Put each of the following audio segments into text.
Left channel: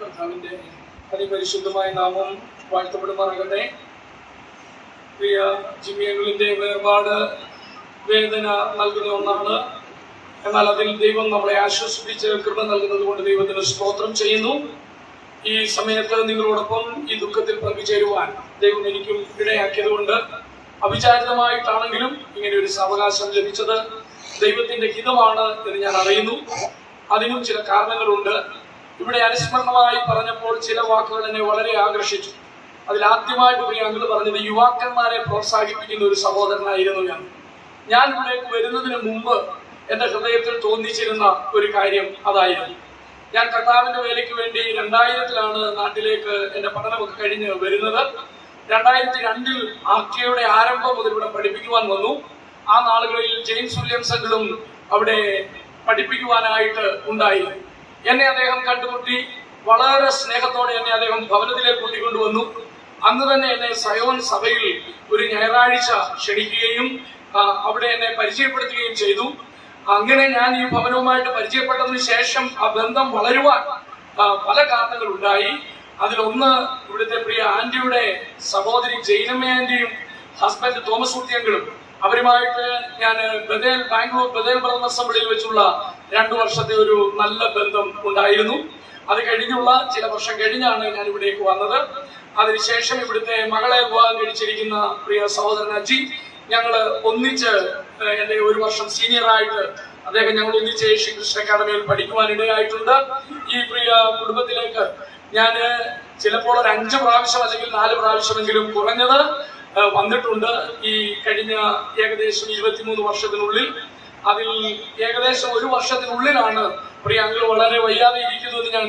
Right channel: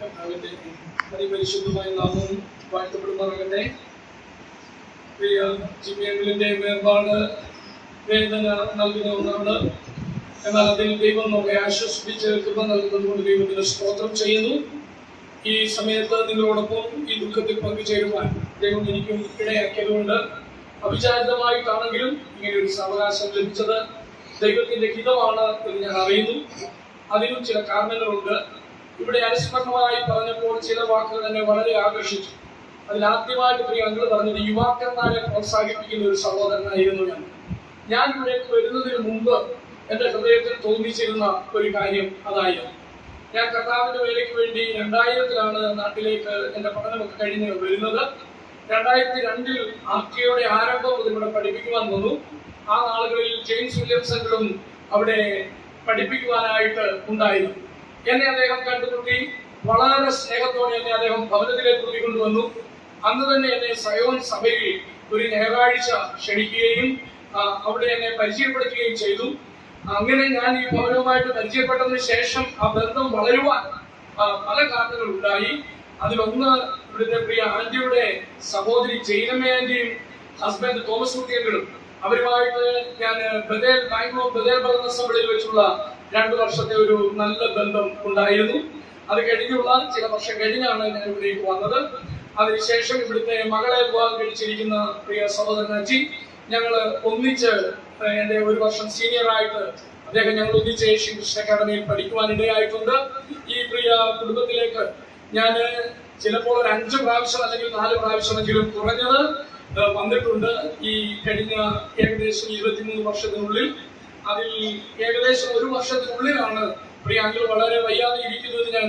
കർത്താവിന്റെ അതിപരിശുദ്ധമായ നാമം വാഴ്ത്തപ്പെടുമാറാകട്ടെ. പ്രിയ ജിമ്മിയങ്ങളിന്റെ വേർപാട് വേദന നൽകുന്ന ഒന്നാണ്. എന്നാൽ അതിൽ ദൈവം നമ്മളെ ആശ്വസിപ്പിച്ച് കൃപ നൽകുന്നത് കൊണ്ട് ദൈവത്തിന് സ്തോത്രം ചെയ്യുന്നു. ഈ സമയത്ത് നിങ്ങളോടൊപ്പം ഈ ദുഃഖത്തിൽ പങ്കുചേരുവാൻ ദൈവം എനിക്കും ഇടയാക്കിയതുകൊണ്ട് അവിചാരിതമായിട്ടാണെങ്കിലും ഇങ്ങനെ ഒരു സാവകാശം ലഭിച്ചത് ദൈവത്തിന്റെ ഹിതമാണ് എന്ന് ഞാൻ അറിയുന്നു. അതിനും ചില കാരണങ്ങളുണ്ട്. ഇവിടെ അനുസ്മരണമായി പറഞ്ഞപ്പോൾ ചില വാക്കുകൾ എന്നെ വളരെ ആകർഷിച്ചു. അതിലാദ്യമായിട്ട് പ്രിയ അങ്കിൾ പറഞ്ഞത് യുവാക്കന്മാരെ പ്രോത്സാഹിപ്പിക്കുന്ന ഒരു സഹോദരനായിരുന്നു എന്ന്. ഞാൻ ഇവിടേക്ക് വരുന്നതിന് മുമ്പ് എൻ്റെ ഹൃദയത്തിൽ തോന്നിച്ചിരുന്ന ഒരു കാര്യം അതായിരുന്നു. ഞാൻ കർത്താവിന്റെ വേലയ്ക്ക് വേണ്ടി 2000-ലാണ് നാട്ടിലേക്ക് എൻ്റെ പഠനമൊക്കെ കഴിഞ്ഞ് വരുന്നത്. 2002-ൽ RTയുടെ ആരംഭം മുതൽ ഇവിടെ പഠിപ്പിക്കുവാൻ വന്നു. ആ നാളുകളിൽ ജെയിംസ് വില്യംസ് അങ്കിളും അവിടെ പഠിപ്പിക്കുവാനായിട്ട് ഉണ്ടായിരുന്നു. എന്നെ അദ്ദേഹം കണ്ടുമുട്ടി. വളരെ സ്നേഹത്തോടെ എന്നെ അദ്ദേഹം ഭവനത്തിലേക്ക് കൂട്ടിക്കൊണ്ടുവന്നു. അന്ന് തന്നെ എന്നെ സയോൻ സഭയിൽ ഒരു ഞായറാഴ്ച ക്ഷണിക്കുകയും അവിടെ എന്നെ പരിചയപ്പെടുത്തുകയും ചെയ്തു. അങ്ങനെ ഞാൻ ഈ ഭവനവുമായിട്ട് പരിചയപ്പെട്ടതിന് ശേഷം ആ ബന്ധം വളരുവാൻ പല കാരണങ്ങളുണ്ടായി. അതിലൊന്ന് ഇവിടുത്തെ പ്രിയ ആന്റിയുടെ സഹോദരി ജൈനമ്മ ആന്റിയും ഹസ്ബൻഡ് തോമസ് കുട്ടിയങ്കളും അവരുമായിട്ട് ഞാൻ ബാംഗ്ലൂർ ബദേൽ ബ്രദർ അസംബ്ലിയിൽ വെച്ചുള്ള 2 വർഷത്തെ ഒരു നല്ല ബന്ധം ഉണ്ടായിരുന്നു. അത് കഴിഞ്ഞുള്ള ചില വർഷം കഴിഞ്ഞാണ് ഞാൻ ഇവിടേക്ക് വന്നത്. അതിനുശേഷം ഇവിടുത്തെ മകളെ വിവാഹം കഴിച്ചിരിക്കുന്ന പ്രിയ സഹോദരൻ അജി, ഞങ്ങൾ ഒന്നിച്ച് എൻ്റെ 1 വർഷം സീനിയറായിട്ട് അദ്ദേഹം ഞങ്ങൾ ഒന്നിച്ച് ഏഷ്യൻ ക്രിസ്ത്യൻ അക്കാദമിയിൽ പഠിക്കുവാൻ ഇടയായിട്ടുണ്ട്. ഈ പ്രിയ കുടുംബത്തിലേക്ക് ഞാൻ ചിലപ്പോൾ ഒരു 5 പ്രാവശ്യം അല്ലെങ്കിൽ 4 പ്രാവശ്യമെങ്കിലും കുറഞ്ഞത് വന്നിട്ടുണ്ട് ഈ കഴിഞ്ഞ ഏകദേശം 23 വർഷത്തിനുള്ളിൽ. അതിൽ ഏകദേശം 1 വർഷത്തിനുള്ളിലാണ് പ്രിയ അങ്കിൾ വളരെ വയ്യാതെ ഇരിക്കുന്നത് ഞാൻ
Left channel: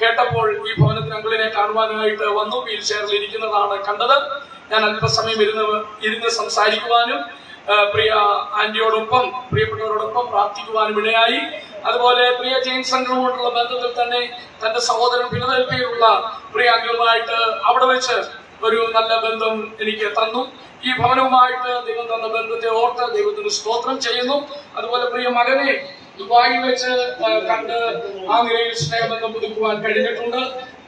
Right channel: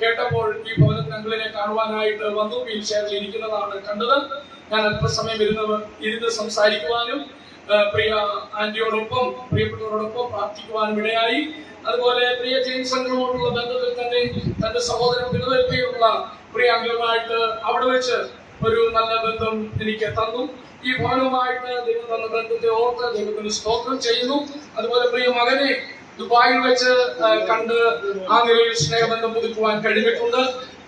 കേട്ടപ്പോൾ ഈ ഭവനത്തിൽ അങ്കിളിനെ കാണുവാനായിട്ട് വന്നു. വീൽ ചെയറിൽ ഇരിക്കുന്നതാണ് കണ്ടത്. ഞാൻ അല്പസമയം ഇരുന്ന് സംസാരിക്കുവാനും പ്രിയ ആന്റിയോടൊപ്പം പ്രിയപ്പെട്ടവരോടൊപ്പം പ്രാർത്ഥിക്കുവാനും ഇടയായി. അതുപോലെ പ്രിയ ജെയിംസ് അങ്കിളുമായിട്ടുള്ള ബന്ധത്തിൽ തന്നെ തന്റെ സഹോദരൻ ഫിലദൽഫിയയിലുള്ള പ്രിയ അങ്കിളുമായിട്ട് അവിടെ വെച്ച് ഒരു നല്ല ബന്ധം എനിക്ക് തന്നു. ഈ ഭവനവുമായിട്ട് ദൈവം തന്ന ബന്ധത്തെ ഓർത്ത് ദൈവത്തിന് സ്തോത്രം ചെയ്യുന്നു. അതുപോലെ പ്രിയ മകനെ ദുബായിൽ വെച്ച് കണ്ട് ആ നിലയിൽ സ്നേഹബന്ധം പുതുക്കുവാൻ കഴിഞ്ഞിട്ടുണ്ട്.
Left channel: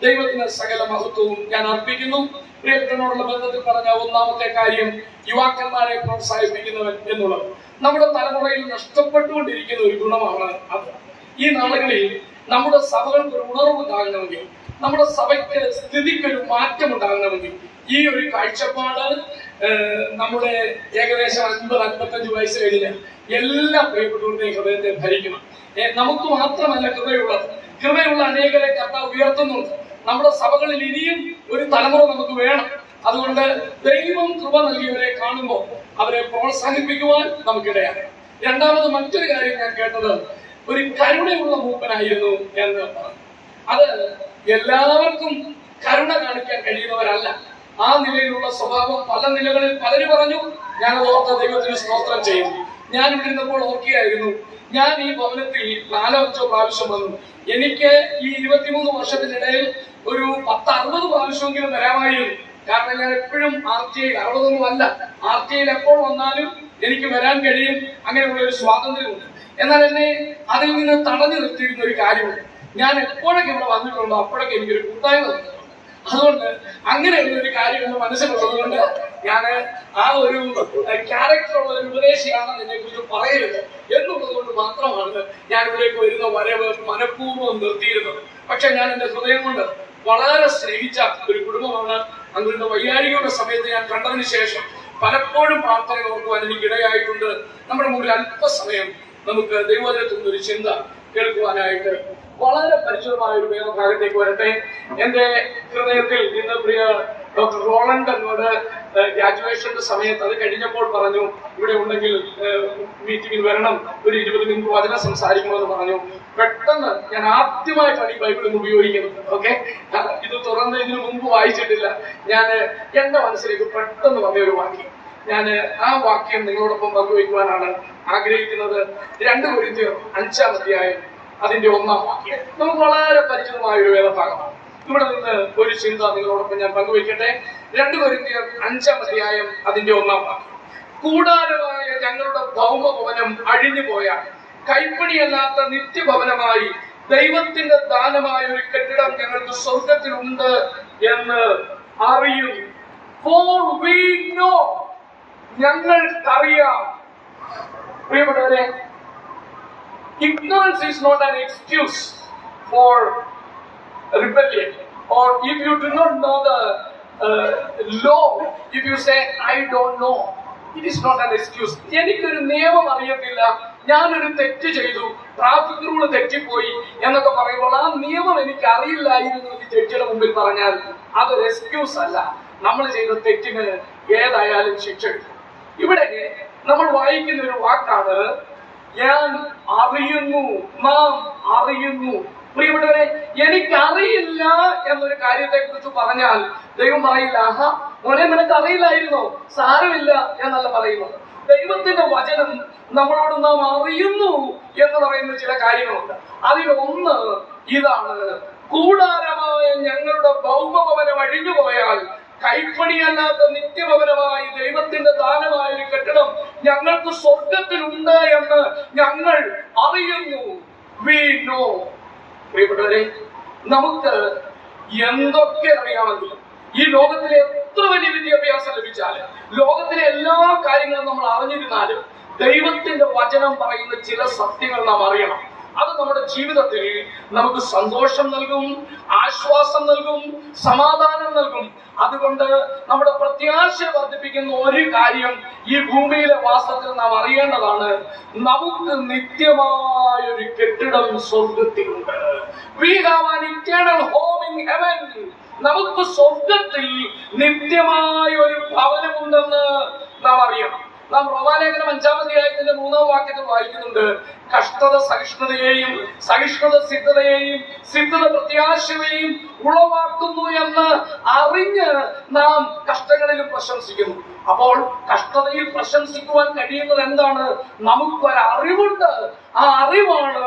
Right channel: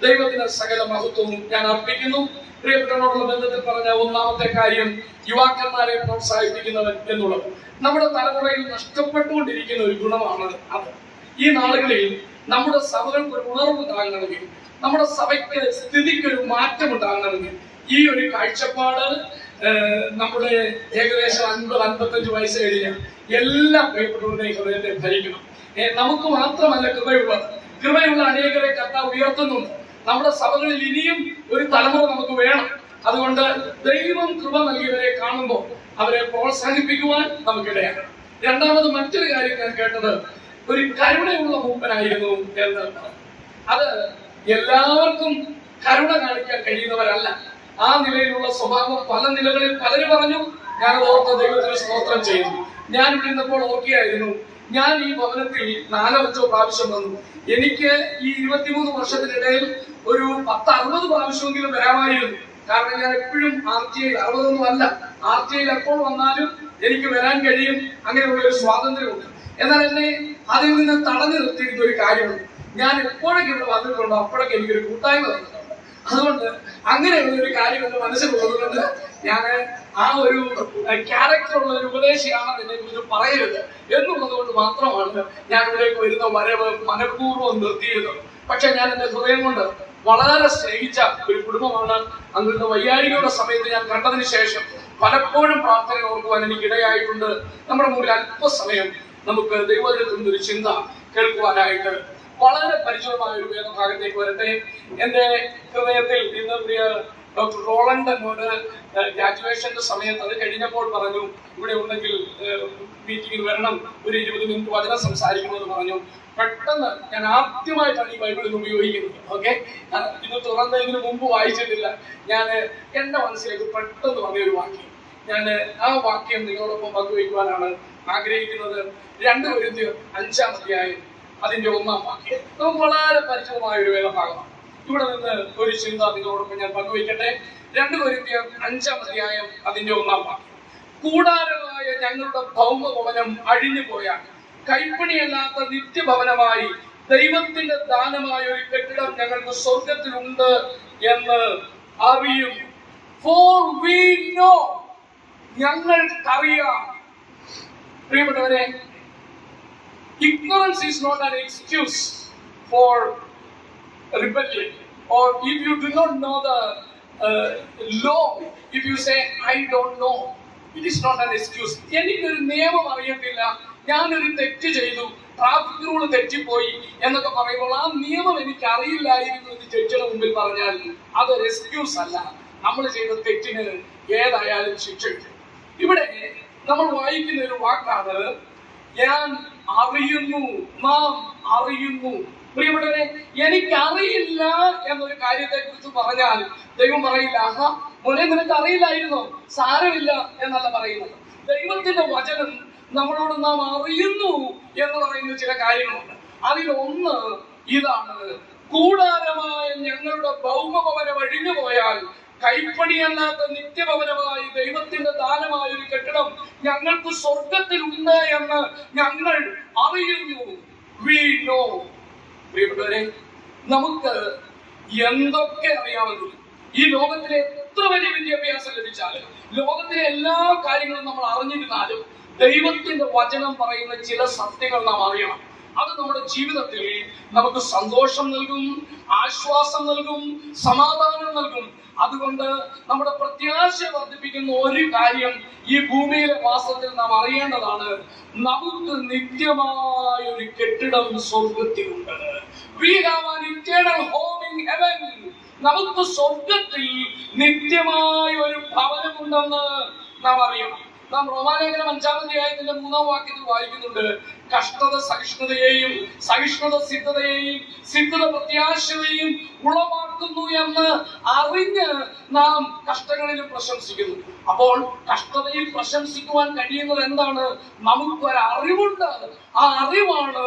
ദൈവത്തിന് സകല മഹത്വവും ഞാൻ അർപ്പിക്കുന്നു. പ്രിയപ്പെട്ടവനോടുള്ള ബന്ധത്തിൽ പറഞ്ഞ ഒന്നാമത്തെ കാര്യം യുവാക്കന്മാരെ പ്രോത്സാഹിപ്പിക്കുന്നവൻ എന്നുള്ളത്. നമ്മുടെ തലമുറയിൽ നഷ്ടപ്പെട്ടുകൊണ്ടിരിക്കുന്ന ഒരു ഗുണമാണ് അത്. ഈ നാളുകളിൽ നമ്മുടെ സഭകൾക്ക് ഒരു ഉണർവുണ്ടാകണമെങ്കിൽ, നമ്മുടെ സഭയ്ക്ക് സ്ഥിതിക്കൊരു മാറ്റം ഉണ്ടാകണമെങ്കിൽ ഈ ഒരു കാഴ്ചപ്പാട് നമ്മുടെ ഏകദേശം 50-55 വയസ്സ് കഴിഞ്ഞ എല്ലാ പ്രിയപ്പെട്ടവരുടെയും ഹൃദയത്തെ ധരിക്കണം. നമുക്ക് മാത്രമല്ല കൃപയുള്ള അനേകരെ കർത്താവ് ഉയർത്തുന്നുണ്ട്. നമ്മുടെ സഭകളിൽ ഇനിയും ഒരു തലമുറ നമുക്ക് വേണം. അതുകൊണ്ട് ദൈവം കൃപ നൽകിയവരെ കാണുമ്പോൾ അവരെ പ്രോത്സാഹിപ്പിക്കുവാൻ നമുക്കിടയാണ്. രണ്ടാമത് മറ്റൊരു കാര്യം ഞാൻ കേട്ടത് ഒരു കരുണയുള്ള മൂപ്പനായിരുന്നു എന്ന് പറഞ്ഞു. അത് എല്ലാവർക്കും കരുണ കാണിക്കാൻ കഴിയുന്നവരല്ല. ആ നിലയിലുള്ള സ്വഭാവം പല നിലകളിൽ പലരും പറഞ്ഞു. ഞാനത് ഓർത്ത ദൈവത്തിന് സ്തോത്രം ചെയ്യുന്നു. ഞാൻ ഇവിടെ ഇരുന്നപ്പോൾ ഓർക്കുകയായിരുന്നു, ഞാൻ ഈ ഭവനത്തിൽ 4-5 പ്രാവശ്യം വന്നു. എനിക്ക് ഈ 23 വർഷത്തിനിടയിൽ ഒരു 10-60 പ്രാവശ്യമെങ്കിലും വരാമായിരുന്നു. കാരണം ഞാൻ എപ്പോഴും RTയിൽ 60 അല്ല, RTയിൽ എപ്പോൾ വന്നാലും എനിക്ക് വരാൻ കഴിയും. അങ്ങനെയുള്ള ഒരു സ്വാതന്ത്ര്യമുണ്ട്. എന്നാൽ എന്നെ അതിൽ നിന്ന് തടഞ്ഞു നിർത്തിയിരുന്ന ഒരു കാര്യമുണ്ട്. ഞാൻ എപ്പോഴൊക്കെ ഇവിടെ വന്നിട്ടുണ്ടോ അപ്പോഴൊക്കെ എനിക്കൊരു കൂട്ടായ്മ തന്നിട്ടുണ്ട്. അതുകൊണ്ട് അങ്ങനെയുള്ള ഒരു കാര്യം എന്റെ മനസ്സിലുള്ളത് കൊണ്ട് ഞാൻ ആ ഒരു ക്യാരക്ടറുള്ള ഒരു ഉപദേശിയാണെന്ന് എന്നെ കുറിച്ച് പറയരുത് എന്നുള്ളത് കൊണ്ട് മാത്രമാണ് ഞാൻ ഇവിടേക്ക് വരുന്ന വരവ് മനഃപൂർവ്വം നിർത്തിയിരുന്നത്. പക്ഷെ ഞാൻ എന്റെ ഹൃദയം കൊണ്ട് വളരെ സ്നേഹിച്ച ഒരു കുടുംബമാണ്. അങ്ങളുടെ വയ്യാഴികയുടെ സമയത്ത് ഞാൻ കണ്ടതിന് ശേഷം പലപ്പോഴും പ്രാർത്ഥന ഓർക്കുവാൻ എനിക്ക് ഇടയായിട്ടുണ്ട്. നമ്മുടെ മുമ്പിൽ അല്പസമയം നമുക്ക് ദൈവത്തിൽ നിന്നൊരു ചിന്ത കേൾക്കുവാനായിട്ട് വളരെ പരിചിതമായ ഒരു വേദഭാഗത്തേക്ക് വരട്ടെ. എന്റെ ഹൃദയത്തിൽ ഇന്ന് പ്രിയ ഡോക്ടർ റോളണ്ട് എന്നോട് ഗ്രാജുവേഷന്റെ സമയത്ത് അത് കഴിഞ്ഞപ്പോൾ പറഞ്ഞു, ഇവിടെ ഉണ്ടെങ്കിൽ മീറ്റിംഗിൽ വരണം, ഒരു 20 മിനിറ്റ് വചനം സംസാരിക്കണമെന്ന് പറഞ്ഞു. പെട്ടെന്ന് ഞാൻ ആദ്യമായിട്ടാണ് ഈ ബൈബിൾ ഇന്ന് ഉപയോഗിക്കുന്നത്. ഓക്കെ, ഇത് തുറന്ന് ഇതിനു മുമ്പ് വായിച്ചിട്ടില്ല. ഞാൻ എന്റെ മനസ്സിലേക്ക് പെട്ടെന്ന് വന്ന ഒരു വാക്യം, ഞാൻ ആ വാക്യം നിങ്ങളോടൊപ്പം പങ്കുവയ്ക്കുവാനാണ് ആഗ്രഹിക്കുന്നത്. 2 കൊരിന്ത്യർ 5-ാം അധ്യായം അതിന്റെ 1-ാം വാക്യം നമുക്ക് വളരെ പരിചിതമായ ഒരു വേദഭാഗമാണ്. ഇവിടെ നിന്ന് ഒരു ചിന്ത നിങ്ങളോടൊപ്പം ഞാൻ പങ്കുവയ്ക്കട്ടെ. 2 കൊരിന്ത്യർ 5-ാം അധ്യായം അതിന്റെ 1-ാം വാക്യം, കൂടാരമായ ഞങ്ങളുടെ ഭൗമഭവനം അഴിഞ്ഞു പോയാൽ കൈപ്പിണിയല്ലാത്ത നിത്യഭവനമായി ദൈവത്തിന്റെ ദാനമായ ഒരു കെട്ടിടം ഞങ്ങൾക്ക് സ്വർഗത്തിലുണ്ട് എന്ന് അറിയുന്നു. For we know, ഞങ്ങൾക്കറിയാം. പ്രിയപ്പെട്ടവരെ, ignorance is not an excuse for rebellion. Or if you do not know the law, if you say I don't know, it is not an excuse. എനിക്കൊരു നിയമം അറിയത്തില്ല, ഞാനൊരു തെറ്റ് ചെയ്തു, ട്രാഫിക് റൂൾ തെറ്റിപ്പോയി എന്നൊക്കെ പറയുമ്പോൾ ആ നിയമം എനിക്ക് അറിയില്ലായിരുന്നു എന്ന് ജഡ്ജിയുടെ മുമ്പിൽ പറഞ്ഞാൽ അതൊരു എക്സ്ക്യൂസ് അല്ല. നമ്മൾ ചെയ്ത തെറ്റിന് ഏതായാലും ശിക്ഷ. ഇവിടെ നമ്മൾ വായിക്കുന്ന ഒരു വാക്കാണ് ഞാൻ അറിയുന്നു, നാം അറിയുന്നു. പ്രിയപ്പെട്ടവരെ, എനിക്കറിയില്ല എന്നൊരു കാര്യത്തെ കുറിച്ച് പറഞ്ഞാൽ ദൈവം പറയില്ല, ആഹാ മോനെ നിനക്ക് അറിയില്ലായിരുന്നോ, സാരമില്ല എന്നല്ല പറയുന്നത്. ദൈവത്തിന്റെ വചനം നമ്മളോട് നാം അറിയുന്നു എന്ന് പറയുന്ന ചില കാര്യങ്ങളുണ്ട്. അതിലൊന്ന് ഇതാണ്, കൂടാരമായ ഞങ്ങളുടെ ഭൗമഭവനം അഴിഞ്ഞു പോയാൽ കൈപ്പണിയല്ലാത്ത നിത്യഭവനമായി ദൈവത്തിന്റെ ദാനമായ ഒരു കെട്ടിടം ഞങ്ങൾക്ക് സ്വർഗത്തിലുണ്ട് എന്ന് ഞങ്ങൾ അറിയുന്നു. We know. പ്രിയപ്പെട്ടവരെ, നമുക്ക് എന്തൊക്കെ അറിയാമെങ്കിലും, ഈ ലോകത്തിലെ എത്ര വലിയ വിദ്യാഭ്യാസം ലഭിച്ചാലും, ലോകത്തിലെ എല്ലാ കാര്യങ്ങളും നമ്മൾ അറിഞ്ഞിരുന്നാലും, ദൈവത്തിന്റെ വചനം പറയുന്ന ചില സത്യങ്ങൾ നാം അറിയണം. അത് നമ്മുടെ ജീവിതത്തിൽ നമുക്ക് സന്തോഷം നൽകും, ആശ്വാസം നൽകും, സമാധാനം നൽകും. അതുകൊണ്ട് നമ്മുടെ പ്രത്യാശ വർദ്ധിപ്പിക്കുന്ന ഒരു കാര്യം ഈ ഭൂമിയിലെ വാസത്തിൽ നാം അറിയേണ്ടതാണ്, നമുക്ക് നിത്യമായ ഒരു കെട്ടിടം സ്വർഗത്തിലുണ്ട്. We have an eternal home in heaven. നമുക്ക് സ്വർഗത്തിൽ നിത്യമായ ഒരു ഭവനമുണ്ടെന്ന് നാം അറിയണം. നാം റോമാലേഖനം 5-ാം അധ്യായത്തിന്റെ 3-ാം വാക്യത്തിൽ വായിക്കുന്നുണ്ട്, കഷ്ടത സഹിഷ്ണുതയെയും, സഹിഷ്ണുത സിദ്ധതയെയും, സിദ്ധത പ്രത്യാശയെയും ഉളവാക്കുന്നു എന്ന് അറിഞ്ഞ് നാം കഷ്ടങ്ങളിലും പ്രശംസിക്കുന്നു. അപ്പോൾ കഷ്ടതയിൽ പ്രശംസിക്കുവാൻ കഴിയുന്നത് എന്താണ്? നമുക്കൊരറിവുണ്ട്. ആ അറിവാണ്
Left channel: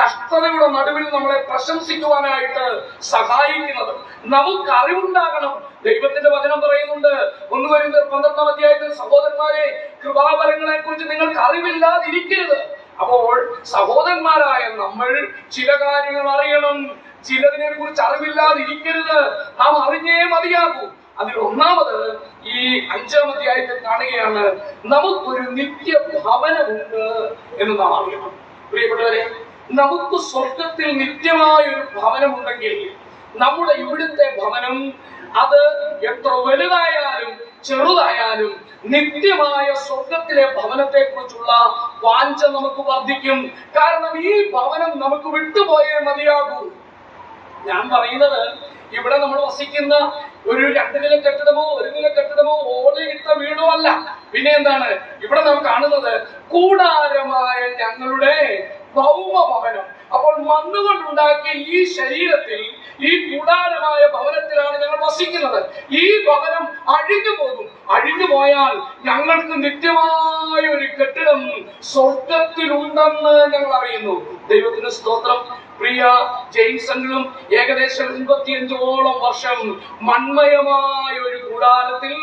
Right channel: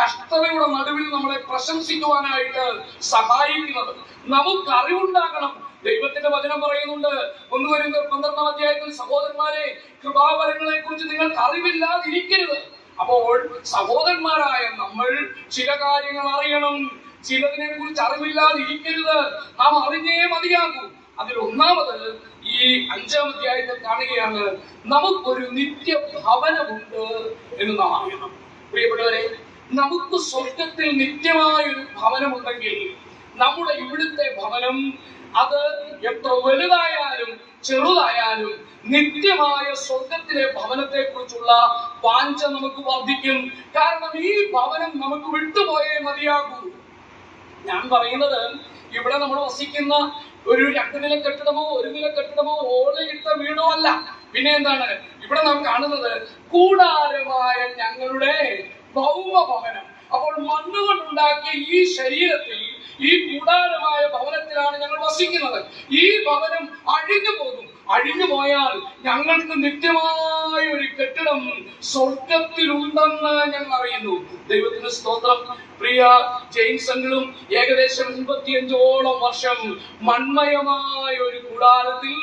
കഷ്ടതയുടെ നടുവിൽ നമ്മളെ പ്രശംസിക്കുവാനായിട്ട് സഹായിക്കുന്നത്. നമുക്ക് അറിവുണ്ടാകണം. ദൈവത്തിന്റെ വചനം പറയുന്നുണ്ട് 1 കൊരിന്ത്യർ 12-ാം അധ്യായത്തിൽ, സഹോദരന്മാരെ, കൃപാവരങ്ങളെ കുറിച്ച് നിങ്ങൾക്ക് അറിവില്ലാതിരിക്കരുത്. അപ്പോൾ സഹോദരന്മാരായ നമ്മൾ ചില കാര്യങ്ങൾ അറിയണം, ചിലതിനെ കുറിച്ച് അറിവില്ലാതിരിക്കരുത്. നാം അറിഞ്ഞേ മതിയാകൂ. അതിൽ ഒന്നാമത് ഈ 5-ാം അധ്യായത്തിൽ കാണുകയാണ്, നമുക്കൊരു നിത്യഭവനമുണ്ട് എന്ന് നാം അറിയണം. പ്രിയപ്പെട്ടവരെ, നമുക്ക് സ്വർഗത്തിൽ നിത്യമായ ഒരു ഭവനമുണ്ടെങ്കിൽ നമ്മുടെ ഇവിടുത്തെ ഭവനം അത് എത്ര വലുതായാലും ചെറുതായാലും നിത്യമായ സ്വർഗത്തിലെ ഭവനത്തെ കുറിച്ചുള്ള വാഞ്ച നമുക്ക് വർദ്ധിക്കും. കാരണം ഈ ഭവനം നമുക്ക് വിട്ടുപോയേ മതിയാകൂ. ഞാൻ പറയുന്നത് ഇവിടെ നമ്മൾ വസിക്കുന്ന ഒരു 2 നില കെട്ടിടമോ 1 നില കെട്ടിടമോ ഓലയിട്ട വീടോ അല്ല. പിന്നെ എന്താണ് ഇവിടെ നാം കാണുന്നത്? കൂടാരമായ ഞങ്ങളുടെ ഭൗമഭവനം. അപ്പോൾ മണ്ണുകൊണ്ടുണ്ടാക്കിയ ഈ ശരീരത്തിൽ, ഈ കൂടാരമായ ഭവനത്തിലാണ് ഞങ്ങൾ വസിക്കുന്നത്. ഈ ഭവനം അഴിഞ്ഞു പോകും. അഴിഞ്ഞു പോയാൽ ഞങ്ങൾക്ക് നിത്യമായ ഒരു കെട്ടിടം സ്വർഗത്തിലുണ്ടെന്ന് ഞങ്ങൾ അറിയുന്നു. ദൈവത്തിന് സ്തോത്രം. പ്രിയ ജെയിംസണിലും ഏകദേശം 85ഓളം വർഷം മൺമയമായ ഒരു കൂടാരത്തിൽ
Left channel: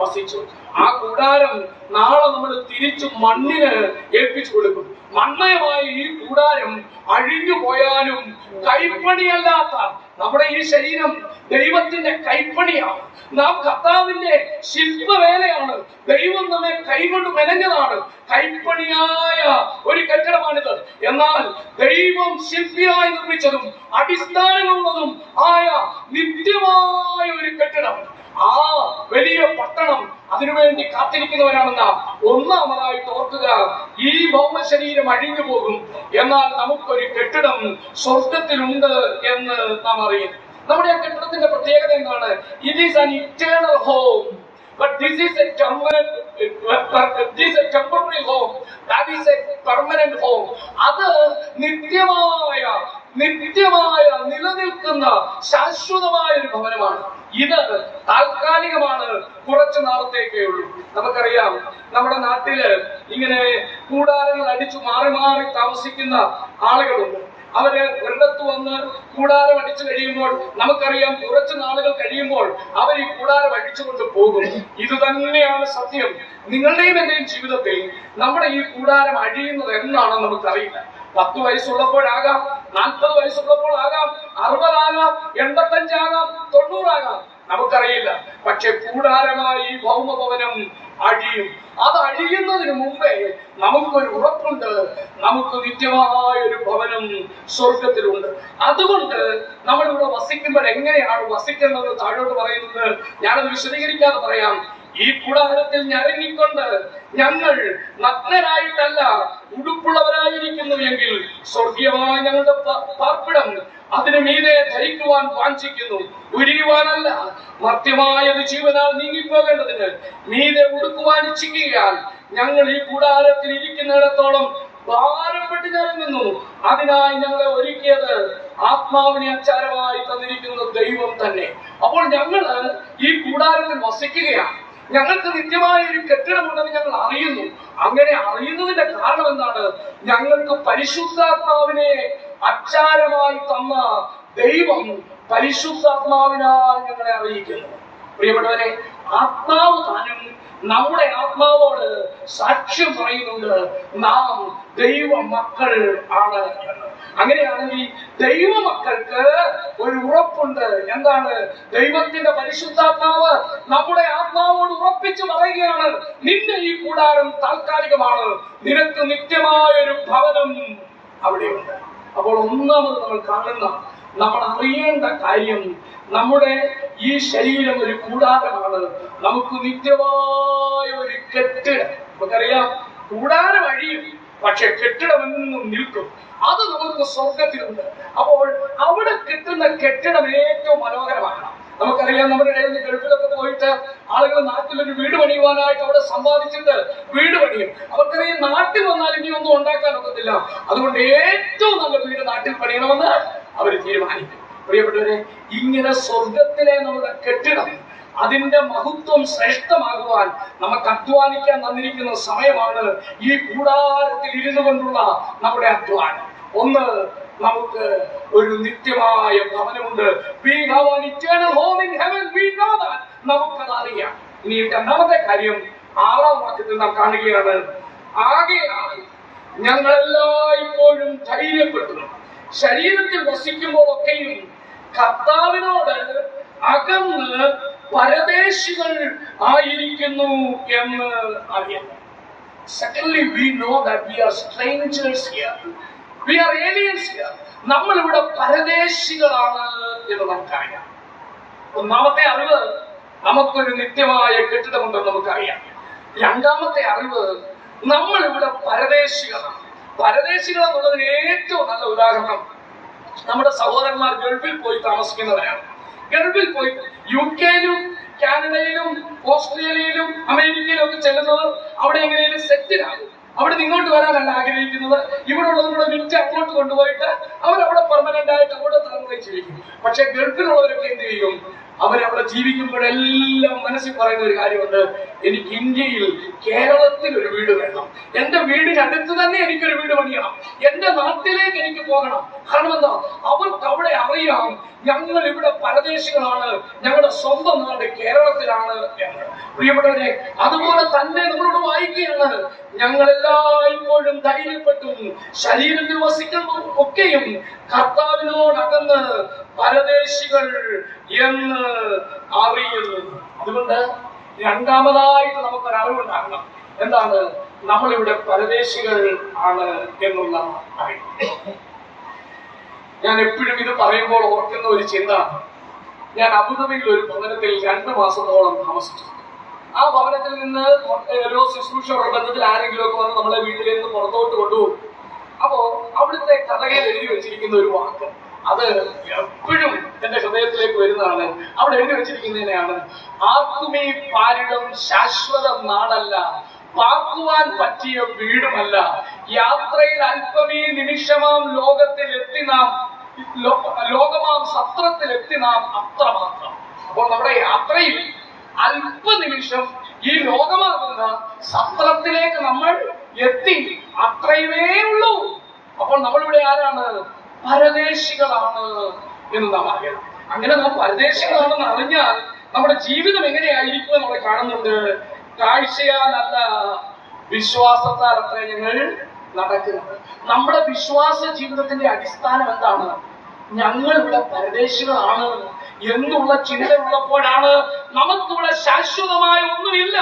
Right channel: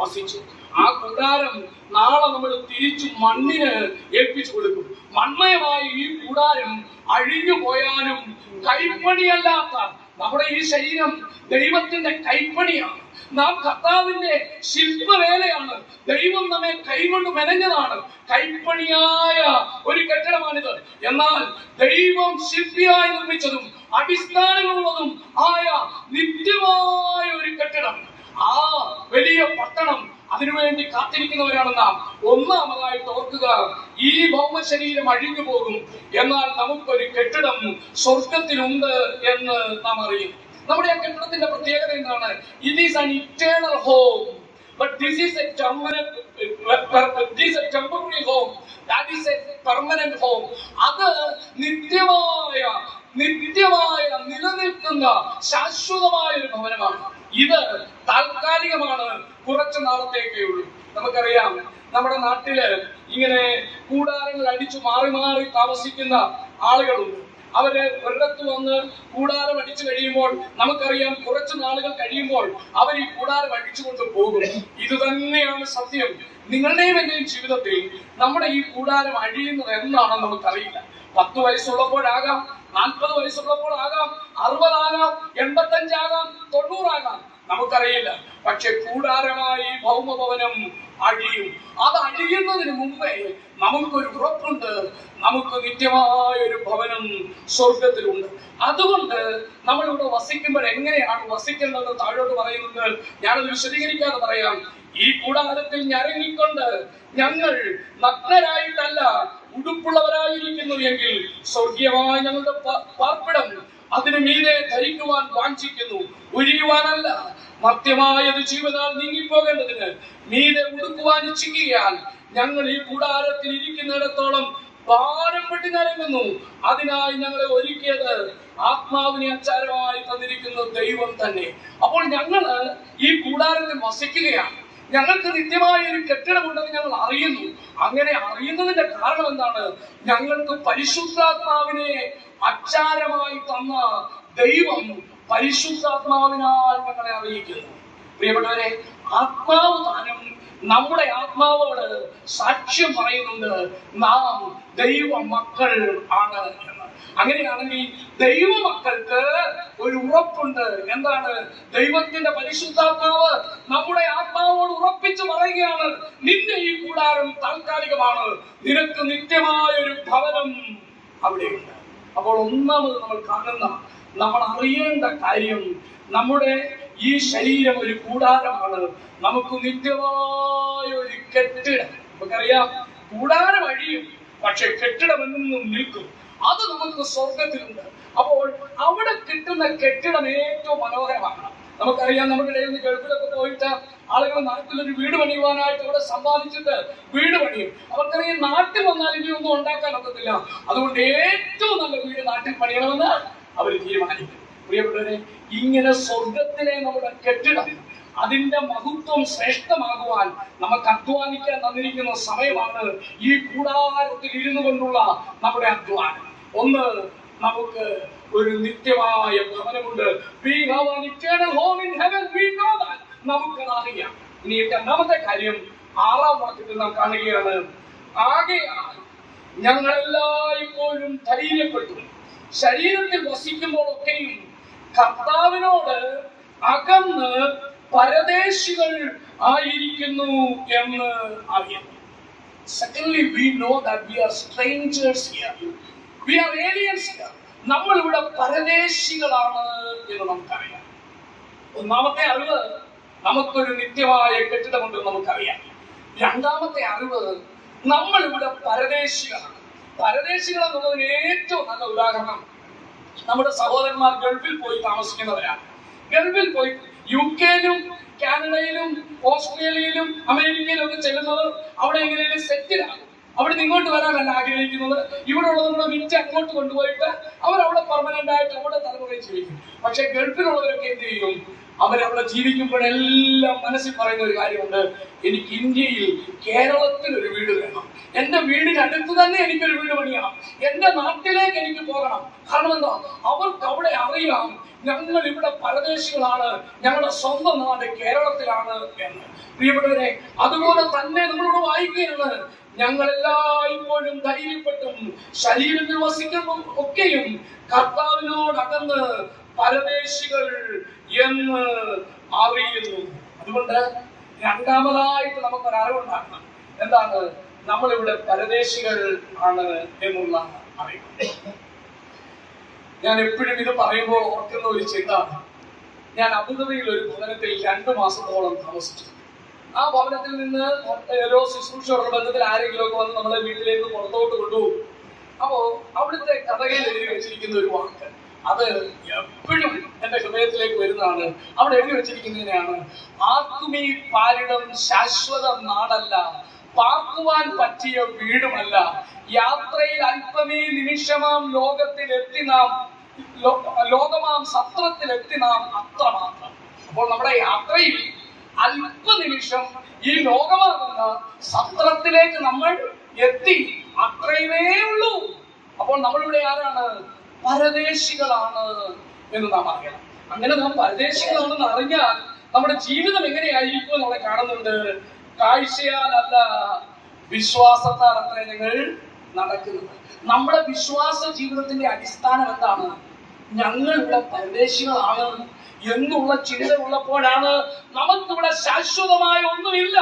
വസിച്ചു. ആ കൂടാരം നാളെ നമ്മൾ തിരിച്ചു മണ്ണിന് ഏൽപ്പിച്ചു കൊടുക്കും. മൺമയമായ ഈ കൂടാരം അഴിഞ്ഞു പോയാലും കൈപ്പണിയല്ലാത്ത നമ്മുടെ ഈ ശരീരം ദൈവത്തിന്റെ കൈപ്പണിയാണ്. നാം കർത്താവിന്റെ ശില്പവേലയാണ്. ദൈവം നമ്മെ കൈകൊണ്ട് മെനഞ്ഞതാണ്. കൈപ്പണിയായ ഒരു കെട്ടിടമാണിത്. എന്നാൽ ദൈവം ശില്പിയായി നിർമ്മിച്ചതും അടിസ്ഥാനങ്ങളുള്ളതും ആയ നിത്യമായ ഒരു കെട്ടിടം, ആ വലിയ പട്ടണം, അതിനുവേണ്ടി കാത്തിരിക്കുന്നവരാണ് നാം. ഒന്നാമതായിട്ട് ഓർക്കുക, ഈ ഭൗമ ശരീരം അഴിഞ്ഞു പോകും, എന്നാൽ നമുക്കൊരു കെട്ടിടം സ്വർഗത്തിലുണ്ട് എന്ന് നാം അറിയും. നമ്മുടെ ആ കെട്ടിടത്തിന്റെ പ്രത്യേകത എന്താണ്? It is an eternal home, but this is a temporary home, that is a permanent home. അത് നിത്യമായ നിലനിൽക്കുന്ന ശാശ്വതമായ ഒരു ഭവനമാണ്. ഇത് താൽക്കാലികമാണ്, കുറച്ചു നാളത്തേക്കേ ഉള്ളൂ. നമുക്കറിയാം, നമ്മുടെ നാട്ടില് ഇങ്ങനെ കൂടാരങ്ങൾ അടിച്ചു മാറി മാറി താമസിക്കുന്ന ആളുകളുണ്ട്. അവര് ഒരിടത്ത് വന്ന് കൂടാരം അടിച്ചു കഴിയുമ്പോൾ നമുക്കറിയാം, കുറച്ചു നാളുകൾ കഴിയുമ്പോൾ അവർ ഈ കൂടാരം അടിച്ചുകൊണ്ട് പോകും. ഇത് തന്നെയാണ് സത്യം. നിങ്ങളുടെയും എന്റെയും ജീവിതത്തിൽ നമ്മുടെ ഈ കൂടാരം അഴിയുന്നത് എന്നാണെന്ന് നമുക്കറിയില്ല. 10 വയസ്സുള്ളപ്പോഴാകാം, 40 വയസ്സുള്ളപ്പോൾ ആകാം, 60 ആകാം, 85 ആകാം, 90 ആകാം, നമുക്കറിയില്ല. പക്ഷെ കൂടാരമായി ഈ ഭൗമഭവനം അഴിയും. അത് അഴിയുന്നതിന് മുമ്പേ നമുക്കൊരു ഉറപ്പുണ്ട്, നമുക്ക് നിത്യമായ ഒരു ഭവനം സ്വർഗത്തിലുണ്ട്. അതുകൊണ്ട് നമ്മളിവിടെ വസിക്കുമ്പോൾ എങ്ങനെയാണ് വസിക്കേണ്ടത് താഴോട്ട് പറയുന്നത്. ഞാനത് വിശദീകരിക്കാതെ പറയാം. ഈ കൂടാരത്തിൽ ഞരങ്ങിക്കൊണ്ട് ഞങ്ങൾ നഗ്നരായിട്ടല്ല ഉടുപ്പുള്ളവരായിരിക്കുന്നു എങ്കിൽ സ്വർഗീയമായ ഞങ്ങളുടെ പാർപ്പിടം അതിനു മീതെ ധരിക്കുവാൻ വാഞ്ചിക്കുന്നു. ഉരിയുവാനല്ല, മർത്യമായത് ജീവനാൽ നീങ്ങിപ്പോകേണ്ടതിന് മീതെ ഉടുക്കുവാൻ ഇച്ഛിക്കുകയാൽ ഞങ്ങൾ ഈ കൂടാരത്തിൽ ഇരിക്കുന്നിടത്തോളം ഭാരം പെട്ട് ഞരങ്ങുന്നു. അതിനായി ഞങ്ങളെ ഒരുക്കിയത് ആത്മാവിനെ അച്ചാരമായി തന്നിരിക്കുന്ന ദൈവം തന്നെ. അപ്പോൾ ഞങ്ങൾ ഈ കൂടാരത്തിൽ വസിക്കുകയാണ്. ഞങ്ങൾക്ക് നിത്യമായ ഒരു കെട്ടിടമുണ്ടെന്ന് ഞങ്ങൾ അറിയുന്നു. അങ്ങനെ അറിയുന്നതിന്റെ കാരണം എന്താണ്? ഞങ്ങൾക്ക് പരിശുദ്ധാത്മാവിനെ അച്ചാരമായി തന്ന ദൈവം പരിശുദ്ധാത്മാവിനാൽ ഞങ്ങളെ അറിയിക്കുന്നു. പ്രിയപ്പെട്ടവരെ, ആത്മാവ് താനും നമ്മുടെ ആത്മാവോട് സാക്ഷ്യം പറയുന്നുണ്ട്, നാം ദൈവ മക്കൾ ആണ് എന്ന്. അങ്ങനെയാണെങ്കിൽ ദൈവമക്കൾക്ക് ഒരു ഉറപ്പുണ്ട്. എന്താണ്? ദൈവത്തിന്റെ പരിശുദ്ധാത്മാവ് നമ്മുടെ ആത്മാവോട് ഉറപ്പിച്ചു പറയുകയാണ്, നിന്റെ ഈ കൂടാരം താൽക്കാലികമാണ്, നിനക്ക് നിത്യമായ ഒരു ഭവനം അവിടെയുണ്ട്. അപ്പോൾ ഒന്നാമത് നമ്മൾ അറിയേണ്ട കാര്യം, നമ്മുടെ ഈ ശരീരം ഒരു കൂടാരമാണ്, നമുക്ക് നിത്യമായ ഒരു കെട്ടിടം. നമുക്കറിയാം, കൂടാരം അഴിയും, പക്ഷെ കെട്ടിടമെന്നും നിൽക്കും. അത് നമുക്ക് സ്വർഗത്തിലുണ്ട്. അപ്പോൾ അവിടെ കിട്ടുന്ന കെട്ടിടം ഏറ്റവും മനോഹരമാണ്. നമുക്കറിയാം, നമ്മുടെ ഇടയിൽ നിന്ന് ഗൾഫിലൊക്കെ പോയിട്ട് ആളുകൾ നാട്ടിലൊരു വീട് പണിയുവാനായിട്ട് അവിടെ സമ്പാദിച്ചിട്ട് വീട് പണിയും. അവർക്കറിയാം, നാട്ടിൽ വന്നാൽ ഇനി ഒന്നും ഉണ്ടാക്കാൻ ഒക്കത്തില്ല. അതുകൊണ്ട് ഏറ്റവും നല്ല വീട് നാട്ടിൽ പണിയണമെന്ന് അവർ തീരുമാനിക്കും. പ്രിയപ്പെട്ടവരെ, ഇങ്ങനെ സ്വർഗത്തിലെ നമ്മുടെ കെട്ടിടം, അതിന്റെ മഹത്വം ശ്രേഷ്ഠമാകുവാൻ നമുക്ക് അധ്വാനിക്കാൻ തന്നിരിക്കുന്ന സമയമാണ് ഈ കൂടാരത്തിൽ ഇരുന്നു കൊണ്ടുള്ള നമ്മുടെ അധ്വാനം. ഒന്ന്, നമുക്ക് ഒരു നിത്യമായ ഭവനമുണ്ട്. We have an eternal home in heaven. We know that. നമുക്കത് അറിയാം. ഇനി രണ്ടാമത്തെ കാര്യം 6-ാം വാക്യത്തിൽ നാം കാണുകയാണ്, ആകയാൽ ഞങ്ങളെല്ലായ്പ്പോഴും ധൈര്യപ്പെടുന്നു, ശരീരത്തിൽ വസിക്കുമ്പോഴൊക്കെയും കർത്താവിനോട് അകന്ന് പരദേശികൾ ആയിരിക്കുന്നു എന്ന് അറിയുന്നു. Secondly, we know that we are strangers here. We are aliens here. നമ്മൾ ഇവിടെ പരദേശികളാണ് എന്ന് നമുക്കറിയാം. ഒന്നാമത്തെ അറിവ്, നമുക്കൊരു നിത്യമായ കെട്ടിടമുണ്ടെന്ന് നമുക്കറിയാം. രണ്ടാമത്തെ അറിവ്, നമ്മൾ ഇവിടെ പരദേശികളാണ്. പരദേശികൾ എന്നുള്ളതിന് ഏറ്റവും നല്ല ഉദാഹരണം നമ്മുടെ സഹോദരന്മാർ ഗൾഫിൽ പോയി താമസിക്കുന്നവരാണ്. ഗൾഫിൽ പോയി UK-യിലും കാനഡയിലും ഓസ്ട്രേലിയയിലും അമേരിക്കയിലും ഒക്കെ ചെല്ലുന്നവർ അവിടെ എങ്ങനെയും സെറ്റിലാകും. അവിടെ നിന്ന് ഇങ്ങോട്ട് വരാനല്ല ആഗ്രഹിക്കുന്നത്. ഇവിടെ ഉള്ളവരുടെ വിറ്റ് അങ്ങോട്ട് കൊണ്ടുപോയിട്ട് അവരവിടെ പെർമനന്റ് ആയിട്ട് അവിടെ തലമുറയിൽ ജീവിക്കും. പക്ഷെ ഗൾഫിലുള്ളവരൊക്കെ എന്ത് ചെയ്യും? അവരവിടെ ജീവിക്കുമ്പോഴെല്ലാം മനസ്സിൽ പറയുന്ന ഒരു കാര്യമുണ്ട്, എനിക്ക് ഇന്ത്യയിൽ കേരളത്തിൽ ഒരു വീട് വേണം, എന്റെ വീടിനടുത്ത് തന്നെ എനിക്കൊരു വീട് പണിയണം, എന്റെ നാട്ടിലേക്ക് എനിക്ക് പോകണം. കാരണം എന്താ? അവർക്ക് അവിടെ അറിയാം, ഞങ്ങൾ ഇവിടെ പരദേശികളാണ്, ഞങ്ങളുടെ സ്വന്തം നാട് കേരളത്തിലാണ് എന്ന്. പ്രിയപ്പെട്ടവരെ, അതുപോലെ തന്നെ നമ്മളോട് വായിക്കുകയാണ്, ഞങ്ങളെല്ലായ്പ്പോഴും ധൈര്യപ്പെട്ടും ശരീരത്തിൽ വസിക്കുന്ന ഒക്കെയും കർത്താവിനോടകന്ന് പരദേശികൾ എന്ന് അറിയുന്നു. അതുകൊണ്ട് രണ്ടാമതായിട്ട് നമുക്കൊരു അറിവുണ്ടാകണം. എന്താണ്? നമ്മളിവിടെ പരദേശികൾ ആണ് എന്നുള്ള അറിവ്. ഞാൻ എപ്പോഴും ഇത് പറയുമ്പോൾ ഓർക്കുന്ന ഒരു ചിന്ത, ഞാൻ അബുദാബിയിൽ ഒരു ഭവനത്തിൽ 2 മാസത്തോളം താമസിച്ചു. ആ ഭവനത്തിൽ നിന്ന് ഓരോ ശുശ്രൂഷയുടെ ബന്ധത്തിൽ ആരെങ്കിലും ഒക്കെ വന്ന് നമ്മളെ വീട്ടിലേക്ക് പുറത്തോട്ട് കൊണ്ടുപോകും. അപ്പോ അവിടുത്തെ കഥയിൽ എഴുതി വെച്ചിരിക്കുന്ന ഒരു വാക്ക്, അത് എപ്പോഴും എന്റെ ഹൃദയത്തിലേക്ക് വരുന്നതാണ്. അവിടെ എഴുതി വെച്ചിരിക്കുന്നതിനെയാണ്, ആർക്കും ഈ പാരിടം ശാശ്വത നാടല്ല, പാർക്കുവാൻ പറ്റിയ വീടുമല്ല, യാത്രയിൽ അല്പമീ നിമിഷമാം ലോകമാം സത്രത്തിലെത്തി നാം അത്രമാത്രം. അപ്പോൾ നമ്മുടെ യാത്രയിൽ അല്പനിമിഷം ഈ ലോകമാകുന്ന സത്രത്തിലേക്ക് നമ്മൾ എത്തി, അത്രയുമേ ഉള്ളൂ. അപ്പോൾ നമ്മളിവിടെ ആരാണ്? പരദേശികളാണ് എന്ന് നാം അറിയണം. അങ്ങനെ നാം പരദേശികളാണെന്ന് അറിഞ്ഞാൽ നമ്മുടെ ജീവിതം എങ്ങനെയായിരിക്കും നമ്മളെ കാണുന്നുണ്ട്. കാഴ്ചയാലല്ല വിശ്വാസത്താൽ അത്ര ഞങ്ങൾ നടക്കുന്നത്. നമ്മുടെ വിശ്വാസ ജീവിതത്തിന്റെ അടിസ്ഥാനം എന്താണ്? ഞങ്ങൾ ഇവിടെ പരദേശികളാണ് എന്നുള്ള ചിന്ത ഉള്ളപ്പോഴാണ് നമുക്കിവിടെ ശാശ്വതമായ ഒന്നുമില്ല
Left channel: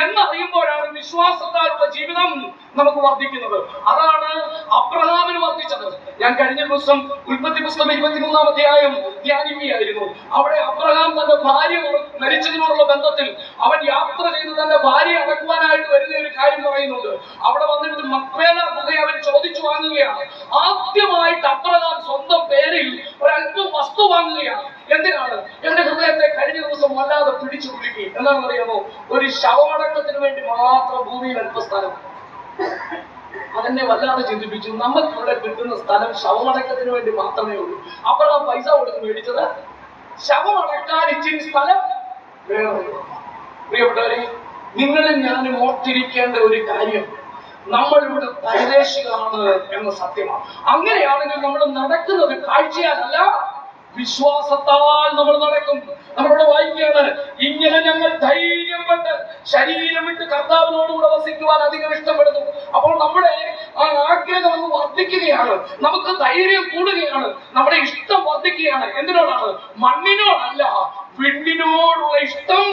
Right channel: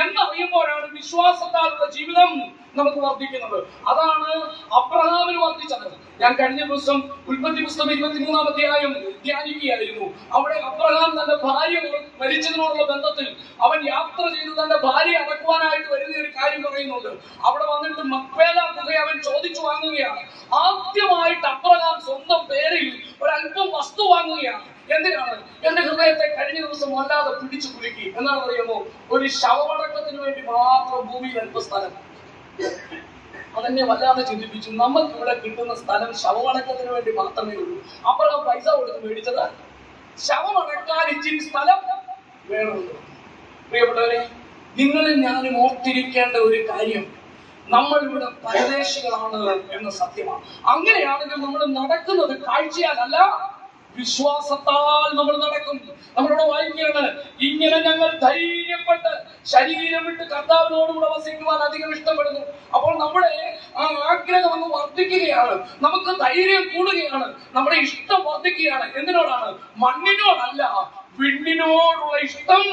എന്നറിയുമ്പോഴാണ് വിശ്വാസത്താലുള്ള ജീവിതം നമുക്ക് വർദ്ധിക്കുന്നത്. അതാണ് അബ്രഹാമിന് വർദ്ധിച്ചത്. ഞാൻ കഴിഞ്ഞ ദിവസം ഉൽപ്പത്തി പുസ്തകം 23-ാം അധ്യായം ധ്യാനിക്കുകയായിരുന്നു. അവിടെ അബ്രഹാം തന്റെ ഭാര്യ മരിച്ചതിനോടുള്ള ബന്ധത്തിൽ അവൻ യാത്ര ചെയ്ത് തന്റെ ഭാര്യ അടക്കുവാനായിട്ട് വരുന്ന ഒരു കാര്യം പറയുന്നുണ്ട്. അവിടെ വന്നിട്ട് മക്പേല ഗുഹ അവൻ ചോദിച്ചു വാങ്ങുകയാണ്. ആദ്യമായിട്ട് അബ്രഹാം സ്വന്തം പേരിൽ ഒരല്പം വസ്തു വാങ്ങുകയാണ്. എന്തിനാണ്? എന്റെ ഹൃദയത്തെ കഴിഞ്ഞ ദിവസം വല്ലാതെ പിടിച്ചു കുലുക്കി. എന്താണെന്ന് അറിയുമോ? ഒരു ശവമടക്കത്തിന് വേണ്ടി മാത്രം ഭൂമിയിൽ അല്പസ്ഥലം. അതെന്നെ വല്ലാതെ ചിന്തിപ്പിച്ചു. നമുക്ക് ഇവിടെ കിട്ടുന്ന സ്ഥലം ശവമടക്കത്തിന് വേണ്ടി മാത്രമേ ഉള്ളൂ. അബ്രഹാം പൈസ കൊടുത്ത് മേടിച്ചത് ശവമടക്കാൻ ഇച്ചിരി സ്ഥലം വേണമെന്ന്. പ്രിയപ്പെട്ടവരെ, നിങ്ങളും ഞാനും ഓർത്തിരിക്കേണ്ട ഒരു കാര്യം, നമ്മൾ ഇവിടെ പരദേശികളാണ് എന്ന സത്യമാണ്. അങ്ങനെയാണെങ്കിൽ നമ്മൾ നടക്കുന്നത് കാഴ്ചയാലല്ല, വിശ്വാസത്താൽ നമ്മൾ നടക്കും. നമ്മളിവിടെ വായിക്കുകയാണ്, ഇങ്ങനെ ഞങ്ങൾ ധൈര്യപ്പെട്ട് ശരീരം വിട്ട് കർത്താവിനോടുകൂടെ വസിക്കുവാൻ അധികം ഇഷ്ടപ്പെടുന്നു. അപ്പോൾ നമ്മുടെ ആ ആഗ്രഹം അങ്ങ് വർദ്ധിക്കുകയാണ്, നമുക്ക് ധൈര്യം കൂടുകയാണ്, നമ്മുടെ ഇഷ്ടം വർദ്ധിക്കുകയാണ്. എന്തിനോടാണ്? മണ്ണിനോടല്ല, വിണ്ണിനോടുള്ള ഇഷ്ടം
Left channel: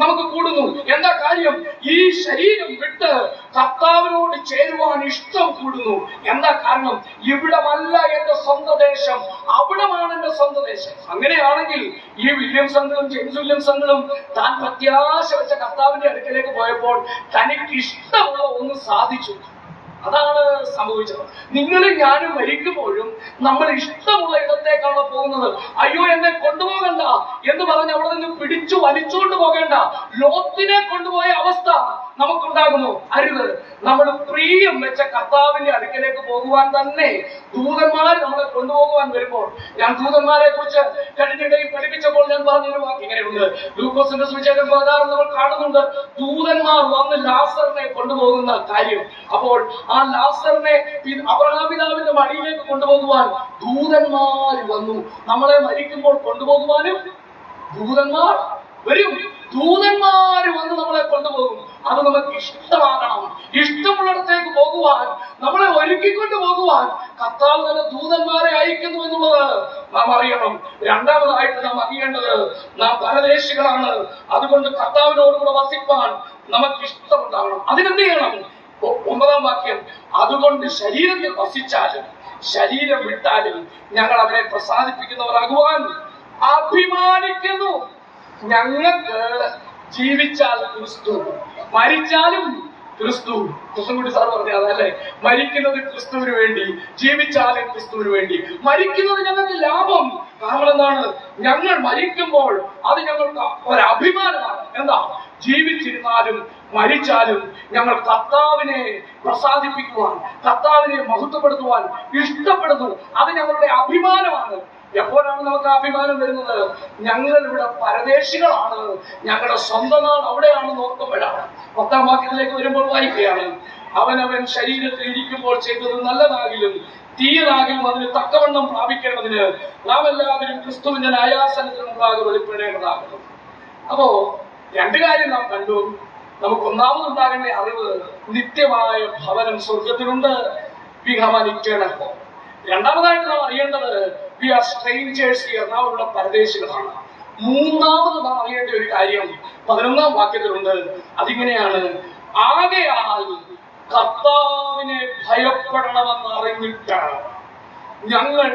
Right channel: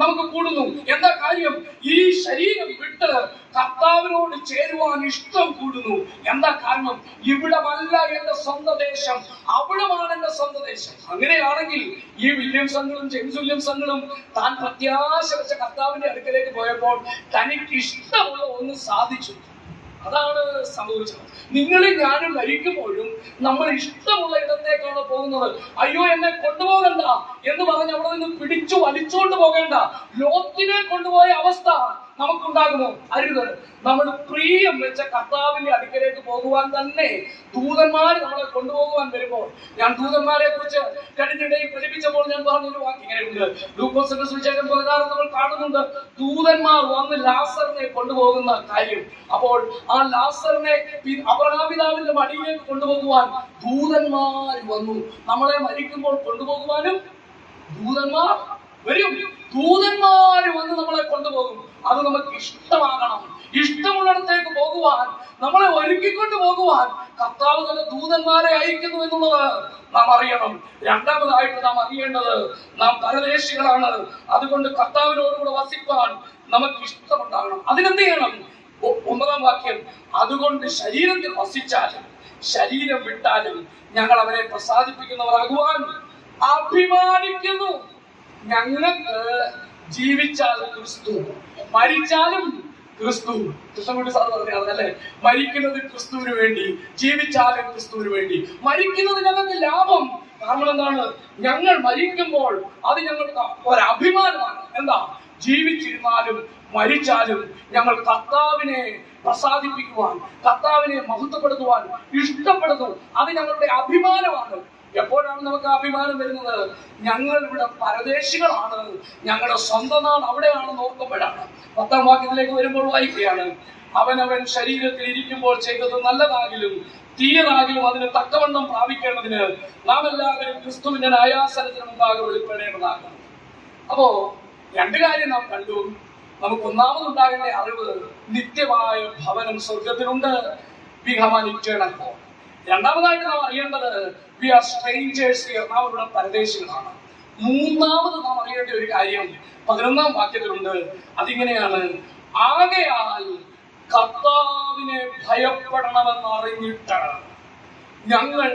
നമുക്ക് കൂടുന്നു. എന്താ കാര്യം? ഈ ശരീരം വിട്ട് കർത്താവിനോട് ചേരുവാൻ ഇഷ്ടം കൂടുന്നു. എന്താ കാരണം? ഇവിടമല്ല എന്റെ സ്വന്തം ദേശം, അവിടമാണ് എന്റെ സ്വന്തം ദേശം. അങ്ങനെയാണെങ്കിൽ ഈ വില്യംസങ്ങളും ജെയിംസ് വില്യംസങ്ങളും താൻ പ്രത്യാശ വെച്ച കർത്താവിന്റെ അടുക്കലേക്ക് പോയപ്പോൾ തനിക്ക് ഇഷ്ടമുള്ള ഒന്ന് സാധിച്ചു. അതാണ് സംഭവിച്ചത്. നിങ്ങളും ഞാനും മരിക്കുമ്പോഴും നമ്മൾ ഇഷ്ടമുള്ള ഇടത്തേക്കാണോ പോകുന്നത്? അയ്യോ എന്നെ കൊണ്ടുപോകണ്ട എന്ന് പറഞ്ഞ് അവിടെ നിന്ന് പിടിച്ചു വലിച്ചുകൊണ്ട് പോകേണ്ട ലോത്തിനെ കൊണ്ടുപോയ അവസ്ഥ നമുക്കുണ്ടാകുമോ? അരുത്. നമ്മൾ പ്രിയം വെച്ച കർത്താവിന്റെ അടുക്കലേക്ക് പോകുവാൻ തന്നെ ദൂതന്മാർ നമ്മളെ കൊണ്ടുപോകുവാൻ വരുമ്പോൾ, ഞാൻ ദൂതന്മാരെ കുറിച്ച് കഴിഞ്ഞിടയിൽ പഠിപ്പിച്ചപ്പോൾ ഞാൻ പറഞ്ഞൊരു വാക്ക് ഇങ്ങനെയുണ്ട്. ലൂക്കോസിന്റെ സുവിശേഷം 16 നമ്മൾ കാണുന്നുണ്ട്, ദൂതന്മാർ വന്ന് ലാസറിനെ കൊണ്ടുപോകുന്ന കാര്യം. അപ്പോൾ ആ ലാസറിനെ അബ്രഹാം പിതാവിന്റെ മടിയിലേക്ക് കൊണ്ടുപോകുവാൻ ദൂതന്മാർ വന്നു. നമ്മളെ മരിക്കുമ്പോൾ കൊണ്ടുപോകുവാനും ദൂതന്മാർ വരും. ദൂതന്മാര് വന്ന് നമ്മളെ കൊണ്ടുപോകും. അത് നമുക്ക് ഇഷ്ടമാകണം. ഇഷ്ടമുള്ളിടത്തേക്ക് പോകുവാൻ, നമ്മളെ ഒരുക്കിക്കൊണ്ട് പോകുവാൻ കർത്താവ് തന്നെ ദൂതന്മാരെ അയക്കുന്നു എന്നുള്ളത് നാം അറിയണം. രണ്ടാമതായിട്ട് നാം അറിയേണ്ടത്, നാം പരദേശികളാണ്. അതുകൊണ്ട് കർത്താവിനോടുകൂടെ വസിപ്പാൻ നമുക്ക് ഇഷ്ടമുണ്ടാകണം. അതിനെന്ത് ചെയ്യണം? 9-ാം വാക്യം, അതുകൊണ്ട് ശരീരത്തിൽ വസിച്ചാലും ശരീരം വിട്ടാലും ഞങ്ങൾ അവരെ പ്രസാദിപ്പിക്കുന്നവരാകുവാൻ അഭിമാനിക്കുന്നു. ഞങ്ങൾക്ക് ജീവിച്ചാൽ ക്രിസ്തു, മരിച്ചാലും ക്രിസ്തു. കൃഷ്ണൻകുട്ടി സാർ പറഞ്ഞതല്ലേ, മരിക്കുന്നത് ക്രിസ്തുവിന് വേണ്ടി, ജീവിച്ചാലും ക്രിസ്തുവിന് വേണ്ടി. മരിക്കുന്നത് ഞങ്ങൾക്ക് ലാഭം. കാരണം എന്താണ്? ഞങ്ങൾ മരിക്കുമ്പോൾ അത് ഞങ്ങൾക്ക് ഒരഭിമാനമാണ്. എന്താ? ജീവിച്ചിരുന്നാലും മരിച്ചാലും ഞങ്ങൾ കർത്താവിനെ പ്രസാദിപ്പിക്കുവാൻ, കർത്താവിനെ മഹത്വപ്പെടുത്തുവാൻ ഇഷ്ടപ്പെടുന്നു. അത് ഞങ്ങളുടെ അഭിമാനമാണ്. എപ്പോഴാണ് നമുക്ക് അഭിമാനം വരുന്നത്? ഞങ്ങൾ ഇവിടെ പരദേശികളാണ്, ഞങ്ങളുടെ സ്വന്തം നാൾ അവിടെയാണെന്ന് ഓർക്കുമ്പോഴാണ്. 10-ാം വാക്യത്തിലേക്ക് വരുമ്പോൾ വായിക്കുകയാണ്, അവനവൻ ശരീരത്തിൽ ഇരിക്കുമ്പോൾ ചെയ്തത് നല്ലതാകിലും തീയതാകിലും അതിന് തക്കവണ്ണം പ്രാപിക്കേണ്ടതിന് നാം എല്ലാവരും ക്രിസ്തുവിന്റെ ന്യായാസനത്തിന് മുമ്പാകെ വെളിപ്പെടേണ്ടതാകുന്നു. അപ്പോ രണ്ട് കാര്യം നാം കണ്ടു. നമുക്ക് ഒന്നാമതുണ്ടാകേണ്ട അറിവ്, നിത്യമായ ഭവനം സ്വർഗത്തിലുണ്ട്. We have an eternal home. രണ്ടാമതായിട്ട് നാം അറിയേണ്ടത്, വി ആർ സ്ട്രേഞ്ചേഴ്സ് ഹിയർ, നാം ഇവിടെ പരദേശികളാണ്. മൂന്നാമത് നാം അറിയേണ്ട ഒരു കാര്യം 11-ാം വാക്യത്തിലുണ്ട്. അതിങ്ങനെയാണ്, ആകയാൽ കർത്താവിനെ ഭയപ്പെടണമെന്ന് അറിഞ്ഞിട്ട് ഞങ്ങൾ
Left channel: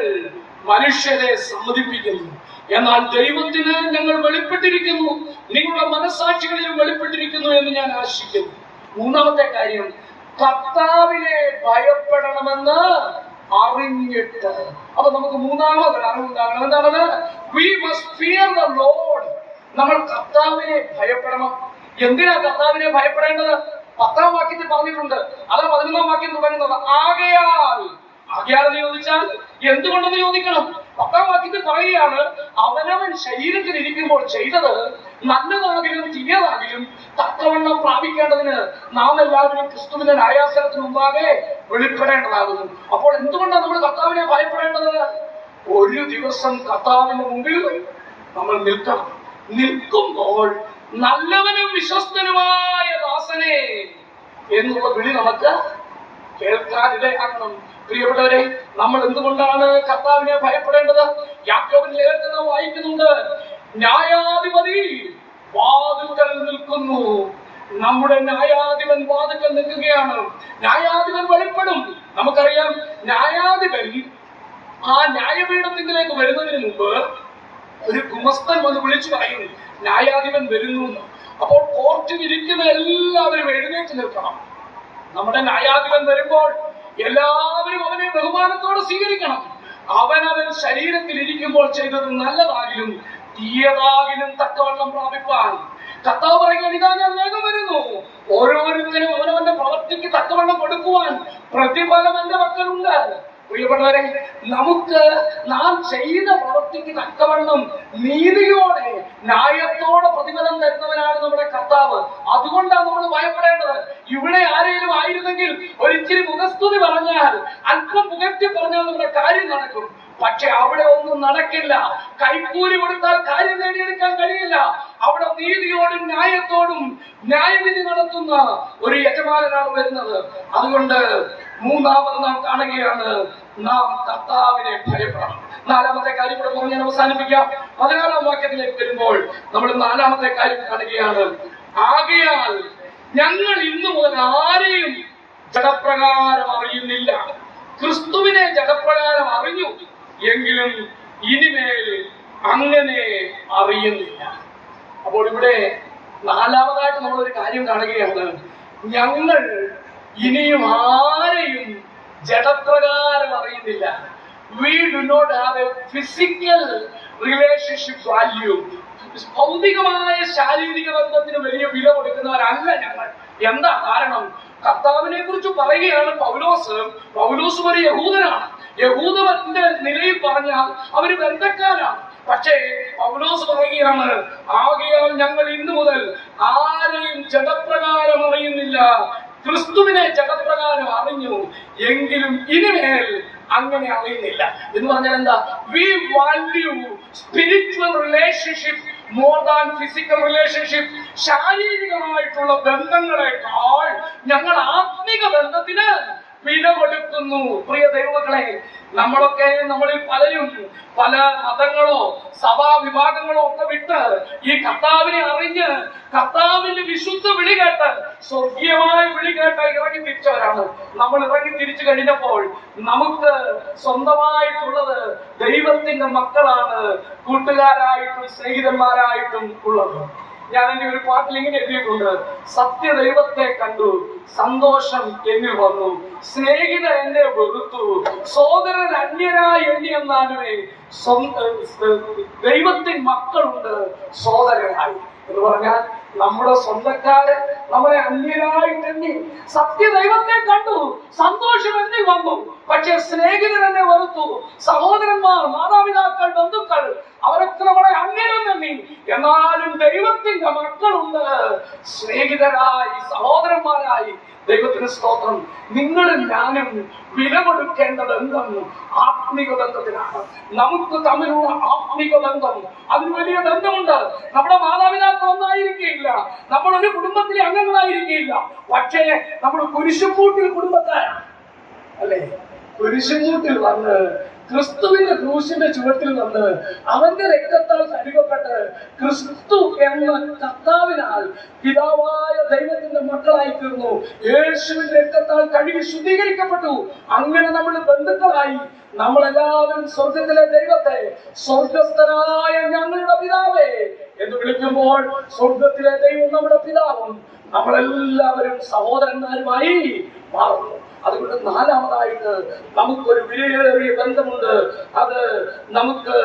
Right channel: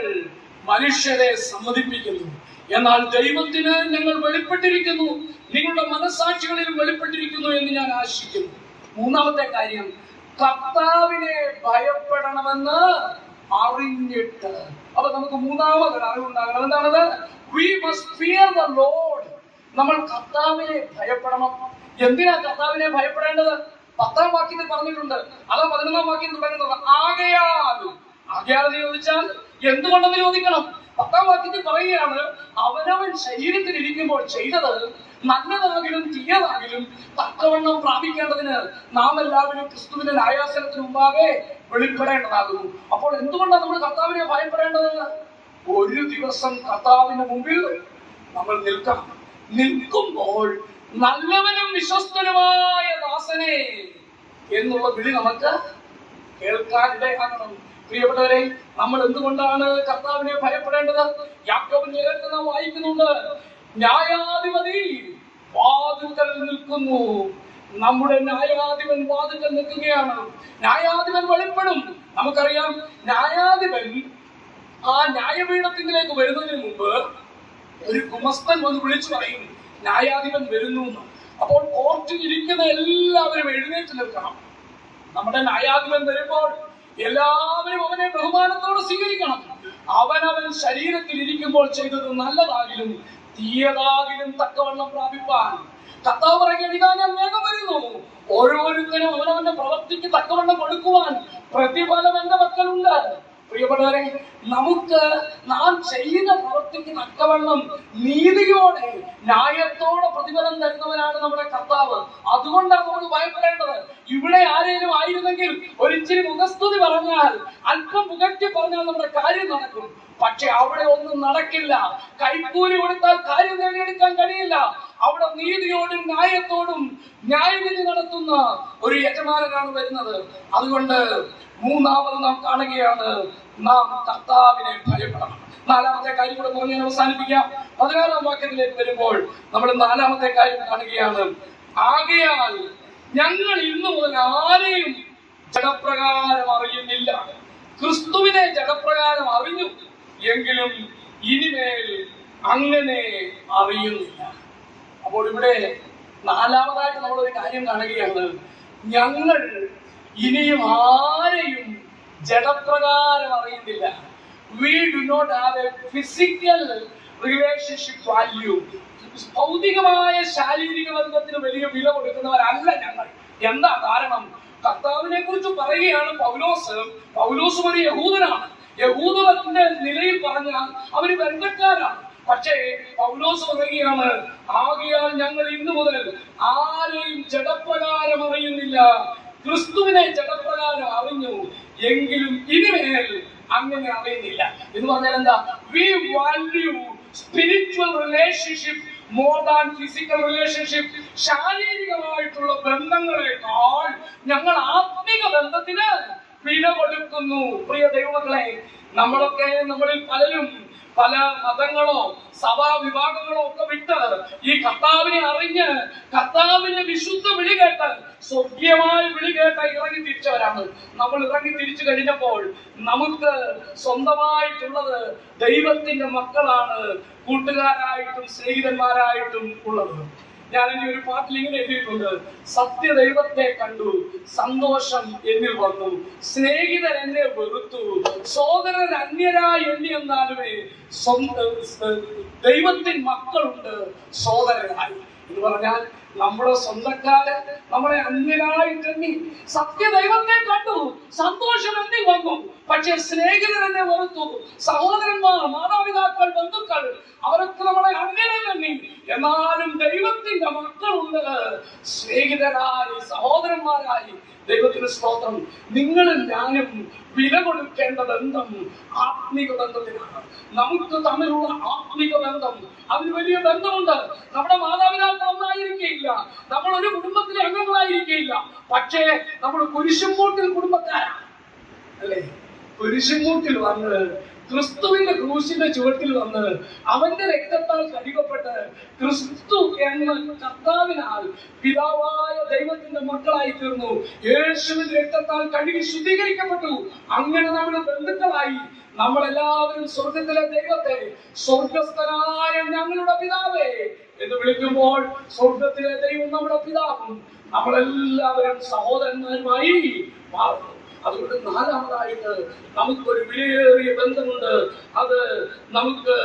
മനുഷ്യരെ സമ്മതിപ്പിക്കുന്നു, എന്നാൽ ദൈവത്തിന് ഞങ്ങൾ വെളിപ്പെട്ടിരിക്കുന്നു, നിങ്ങളുടെ മനസ്സാക്ഷികളിൽ വെളിപ്പെട്ടിരിക്കുന്നു എന്ന് ഞാൻ ആശിക്കുന്നു. മൂന്നാമത്തെ കാര്യം, കർത്താവിനെ ഭയപ്പെടണമെന്ന് അറിഞ്ഞിട്ട്. അപ്പൊ നമുക്ക് മൂന്നാമതൊരു അറിവുണ്ടാകണം. എന്താണത്? We must fear the Lord. നമ്മൾ കർത്താവിനെ ഭയപ്പെടണം. എന്തിനാ കർത്താവിനെ ഭയപ്പെടേണ്ടത്? 10-ാം വാക്യത്തിൽ പറഞ്ഞിട്ടുണ്ട്. അത് 11-ാം വാക്യം തുടങ്ങുന്നത് ആകയാൽ. ആകയാൽ എന്ന് ചോദിച്ചാൽ എന്തുകൊണ്ടെന്ന് ചോദിക്കണം. 10-ാം വാക്യത്തിൽ പറയുകയാണ്, അവനവൻ ശരീരത്തിൽ ഇരിക്കുമ്പോൾ ചെയ്തത് നല്ലതാകിലും തീയതാകിലും തക്കവണ്ണം പ്രാപിക്കേണ്ടതിന് നാം എല്ലാവരും ക്രിസ്തുവിന്റെ ന്യായാസനത്തിന് മുമ്പാകെ വെളിപ്പെടേണ്ടതാകുന്നു. അപ്പോൾ എന്തുകൊണ്ടാണ് നമ്മൾ കർത്താവിനെ ഭയപ്പെടേണ്ടത്? ഒരു ദിവസം കർത്താവിന്റെ മുമ്പിൽ നമ്മൾ നിൽക്കണം. നിൽക്കുമ്പോൾ നല്ലവനും വിശ്വസ്തനുമായ ദാസനെ എന്നുള്ള വിളി നമുക്ക് കേൾക്കാൻ ഇടയാക്കണം. പ്രിയപ്പെട്ടവരെ, നമ്മൾ എന്തുകൊണ്ടാണ് കർത്താവിനെ ഭയപ്പെടേണ്ടത്? യാക്കോബിന്റെ ലേഖനത്തിൽ നാം വായിക്കുന്നുണ്ട്, ന്യായാധിപതി വാതിൽക്കൽ നിൽക്കുന്നു. നമ്മുടെ ന്യായാധിപൻ വാതിൽക്കൽ നിൽക്കുകയാണ്. ന്യായാധിപൻ വെളിപ്പെടും. നമുക്കറിയാം, ന്യായാധിപൻ ആ ന്യായപീഠത്തിലേക്ക് വരുന്നതിന് മുമ്പ് ഒരു ഗുമസ്തൻ വന്ന് വിളിച്ചു പറയും, ന്യായാധിപൻ വരുന്നു. അപ്പോൾ കോർട്ടിൽ ഇരിക്കുന്ന എല്ലാവരും എഴുന്നേറ്റ് നിൽക്കണം. നമ്മുടെ ന്യായാധിപൻ വരുമ്പോൾ എല്ലാവരും അവനെ ബഹുമാനത്തോടെ സ്വീകരിക്കണം. അവനവൻ ശരീരത്തിൽ ഇരിക്കുമ്പോൾ ചെയ്തത് നല്ലതാകിലും തീയതാകിലും തക്കവണ്ണം പ്രാപിപ്പാൻ കർത്താവ് പറയുകയാണ്, ഇതാ ഞാൻ വേഗം വരുന്നു. ഓരോരുത്തരും അവനവന്റെ പ്രവൃത്തിക്ക് തക്കവണ്ണം കൊടുക്കുവാൻ പ്രതിഫലം എന്റെ മക്കളുണ്ട്. പ്രിയപ്പെട്ടവരെ, നമുക്ക് നാം ചെയ്ത പ്രവൃത്തിക്ക് തക്കവണ്ണം നീതിയോടെ ന്യായത്തോടെ പ്രതിഫലം തരുന്നവനാണ് നമ്മുടെ കർത്താവ്. അതുകൊണ്ടാണ് നമ്മൾ ഭയപ്പെടേണ്ടത്. ഇവിടെ ആരെങ്കിലും ആയിരുന്നെങ്കിൽ ഒരിച്ചിരി മുഖസ്തുതി പറഞ്ഞാൽ, അല്പം പുകഴ്ത്തി പറഞ്ഞാൽ നമ്മുടെ കാര്യം നടക്കും. പക്ഷെ അവിടെ ഒന്നും നടക്കില്ല. കൈക്കൂലി കൊടുത്താൽ കാര്യം നേടിയെടുക്കാൻ കഴിയില്ല. അവിടെ നീതിയോടും ന്യായത്തോടും ന്യായവിധി നടത്തുന്ന ഒരു യജമാനനാണ് വരുന്നത്. അതുകൊണ്ട് മൂന്നാമത് നാം കാണുകയാണ്, നാം കർത്താവിനെ ഭയപ്പെടണം. നാലാമത്തെ കാര്യം കൂടെ പറഞ്ഞ് അവസാനിപ്പിക്കാം. 14-ാം വാക്യത്തിലേക്ക് വരുമ്പോൾ നമ്മൾ നാലാമത്തെ കാര്യം കാണുകയാണ്, ആകയാൽ ഞങ്ങൾ ഇന്നു മുതൽ ആരെയും ജഡപ്രകാരം അറിയുന്നില്ല. ക്രിസ്തുവിനെ ജഡപ്രകാരം അറിഞ്ഞു, എങ്കിലും ഇനിമേൽ അങ്ങനെ അറിയുന്നില്ല. അപ്പോൾ ഇവിടെ നാലാമതായിട്ട് നമ്മളൊരു കാര്യം കാണുകയാണ്, ഞങ്ങൾ ഇനിയും ആരെയും ജഡപ്രകാരം അറിയുന്നില്ല. We do not have a physical relationship value. ഭൗതികമായ ശാരീരിക ബന്ധത്തിന് വലിയ വില കൊടുക്കുന്നവരല്ല ഞങ്ങൾ. എന്താ കാരണം? കർത്താവിനെ കുറിച്ച് പറയുകയാണ് പൗലോസ് ഒരു യഹൂദനാണ്. യഹൂദന്റെ നിലയിൽ പറഞ്ഞാൽ അവര് ബന്ധക്കാരാണ്. പക്ഷേ പൗലോസ് പറയുകയാണ്, ആകയാൽ ഞങ്ങൾ ഇന്നു മുതൽ ആരെയും ജഡപ്രകാരം അറിയുന്നില്ല. ക്രിസ്തുവിനെ ജഡപ്രകാരം അറിഞ്ഞു, എങ്കിലും ഇനിമേൽ അങ്ങനെ അറിയുന്നില്ല. എന്ന് പറഞ്ഞാൽ എന്താ? We value spiritual relationship more than physical relationship. ശാരീരികമായിട്ടുള്ള ബന്ധങ്ങളെക്കാൾ ഞങ്ങൾ ആത്മിക ബന്ധത്തിന് വില കൊടുക്കുന്നു. പ്രിയ ദൈവമക്കളെ, നമ്മളിൽ പലരും പല മതങ്ങളോ സഭാ വിഭാഗങ്ങളോ ഒക്കെ വിട്ട് ഈ കർത്താവിനെ അറിഞ്ഞ് കർത്താവിന്റെ വിശുദ്ധ വിളി കേട്ട് സ്വർഗീയമായ വിളി കേട്ട് ഇറങ്ങി തിരിച്ചവരാണ്. നമ്മൾ ഇറങ്ങി തിരിച്ചു കഴിഞ്ഞപ്പോൾ നമുക്ക് സ്വന്തമായിട്ടുള്ളത് ദൈവത്തിന്റെ മക്കളാണ്, കൂട്ടുകാരായിട്ടും സ്നേഹിതന്മാരായിട്ടും ഉള്ളത്. ഞാൻ എന്റെ ഒരു പാട്ടിൽ ഇങ്ങനെ എഴുതിയിട്ടുണ്ട്, സത്യദൈവത്തെ കണ്ടു സന്തോഷം എന്നിൽ വന്നു, സ്നേഹിതർ എന്നെ വെറുത്തു, സോദരൻ അന്യനായി എണ്ണിയെന്നാലുമേ ദൈവത്തിൻ മക്കളുണ്ട് സോദരനായി. എന്ന് പറഞ്ഞാൽ നമ്മുടെ സ്വന്തക്കാര് നമ്മളെ അന്യനായിട്ട് എണ്ണി. സത്യദൈവത്തെ കണ്ടു സന്തോഷം എന്നിൽ വന്നു, പക്ഷെ സ്നേഹിതർ എന്നെ വെറുത്തു. സഹോദരന്മാർ, മാതാപിതാക്കൾ, ബന്ധുക്കൾ അവരൊക്കെ നമ്മളെ അന്യനും എണ്ണി. എന്നാലും ദൈവത്തിന്റെ മക്കളുണ്ട് സ്നേഹിതരായി, സഹോദരന്മാരായി. ദൈവത്തിന് സ്തോത്രം. നിങ്ങളും ഞാനും വില കൊടുക്കേണ്ട ബന്ധം ആത്മിക ബന്ധത്തിനാണ്. നമുക്ക് തമ്മിലുള്ള ആത്മിക ബന്ധം, അതിന് വലിയ ബന്ധമുണ്ട്. നമ്മുടെ മാതാപിതാക്കൾ ഒന്നായിരിക്കില്ല, നമ്മൾ ഒരു കുടുംബത്തിലെ അംഗങ്ങളായിരിക്കില്ല, പക്ഷേ നമ്മൾ കുരിശുമൂട്ടിൽ കുടുംബക്കാരാണ്, അല്ലേ? കുരിശുമൂട്ടിൽ വന്ന് ക്രിസ്തുവിന്റെ ക്രൂശിന്റെ ചുവട്ടിൽ വന്ന് അവന്റെ രക്തത്താൽ കഴുകപ്പെട്ട് ക്രിസ്തു എന്ന കർത്താവിനാൽ പിതാവായ ദൈവത്തിന്റെ മക്കളായി തീർന്നു. യേശുവിന്റെ രക്തത്താൽ കഴുകി ശുദ്ധീകരിക്കപ്പെട്ടു. അങ്ങനെ നമ്മൾ ബന്ധുക്കളായി. നമ്മളെല്ലാവരും സ്വർഗത്തിലെ ദൈവത്തെ സ്വർഗസ്ഥനായ ഞങ്ങളുടെ പിതാവേ എന്ന് വിളിക്കുമ്പോൾ സ്വർഗത്തിലെ ദൈവം നമ്മുടെ പിതാവും നമ്മളെല്ലാവരും സഹോദരന്മാരുമായി മാറുന്നു. അതുകൊണ്ട് നാലാമതായിട്ട് നമുക്കൊരു വിലയേറിയ ബന്ധമുണ്ട്. അത് നമുക്ക്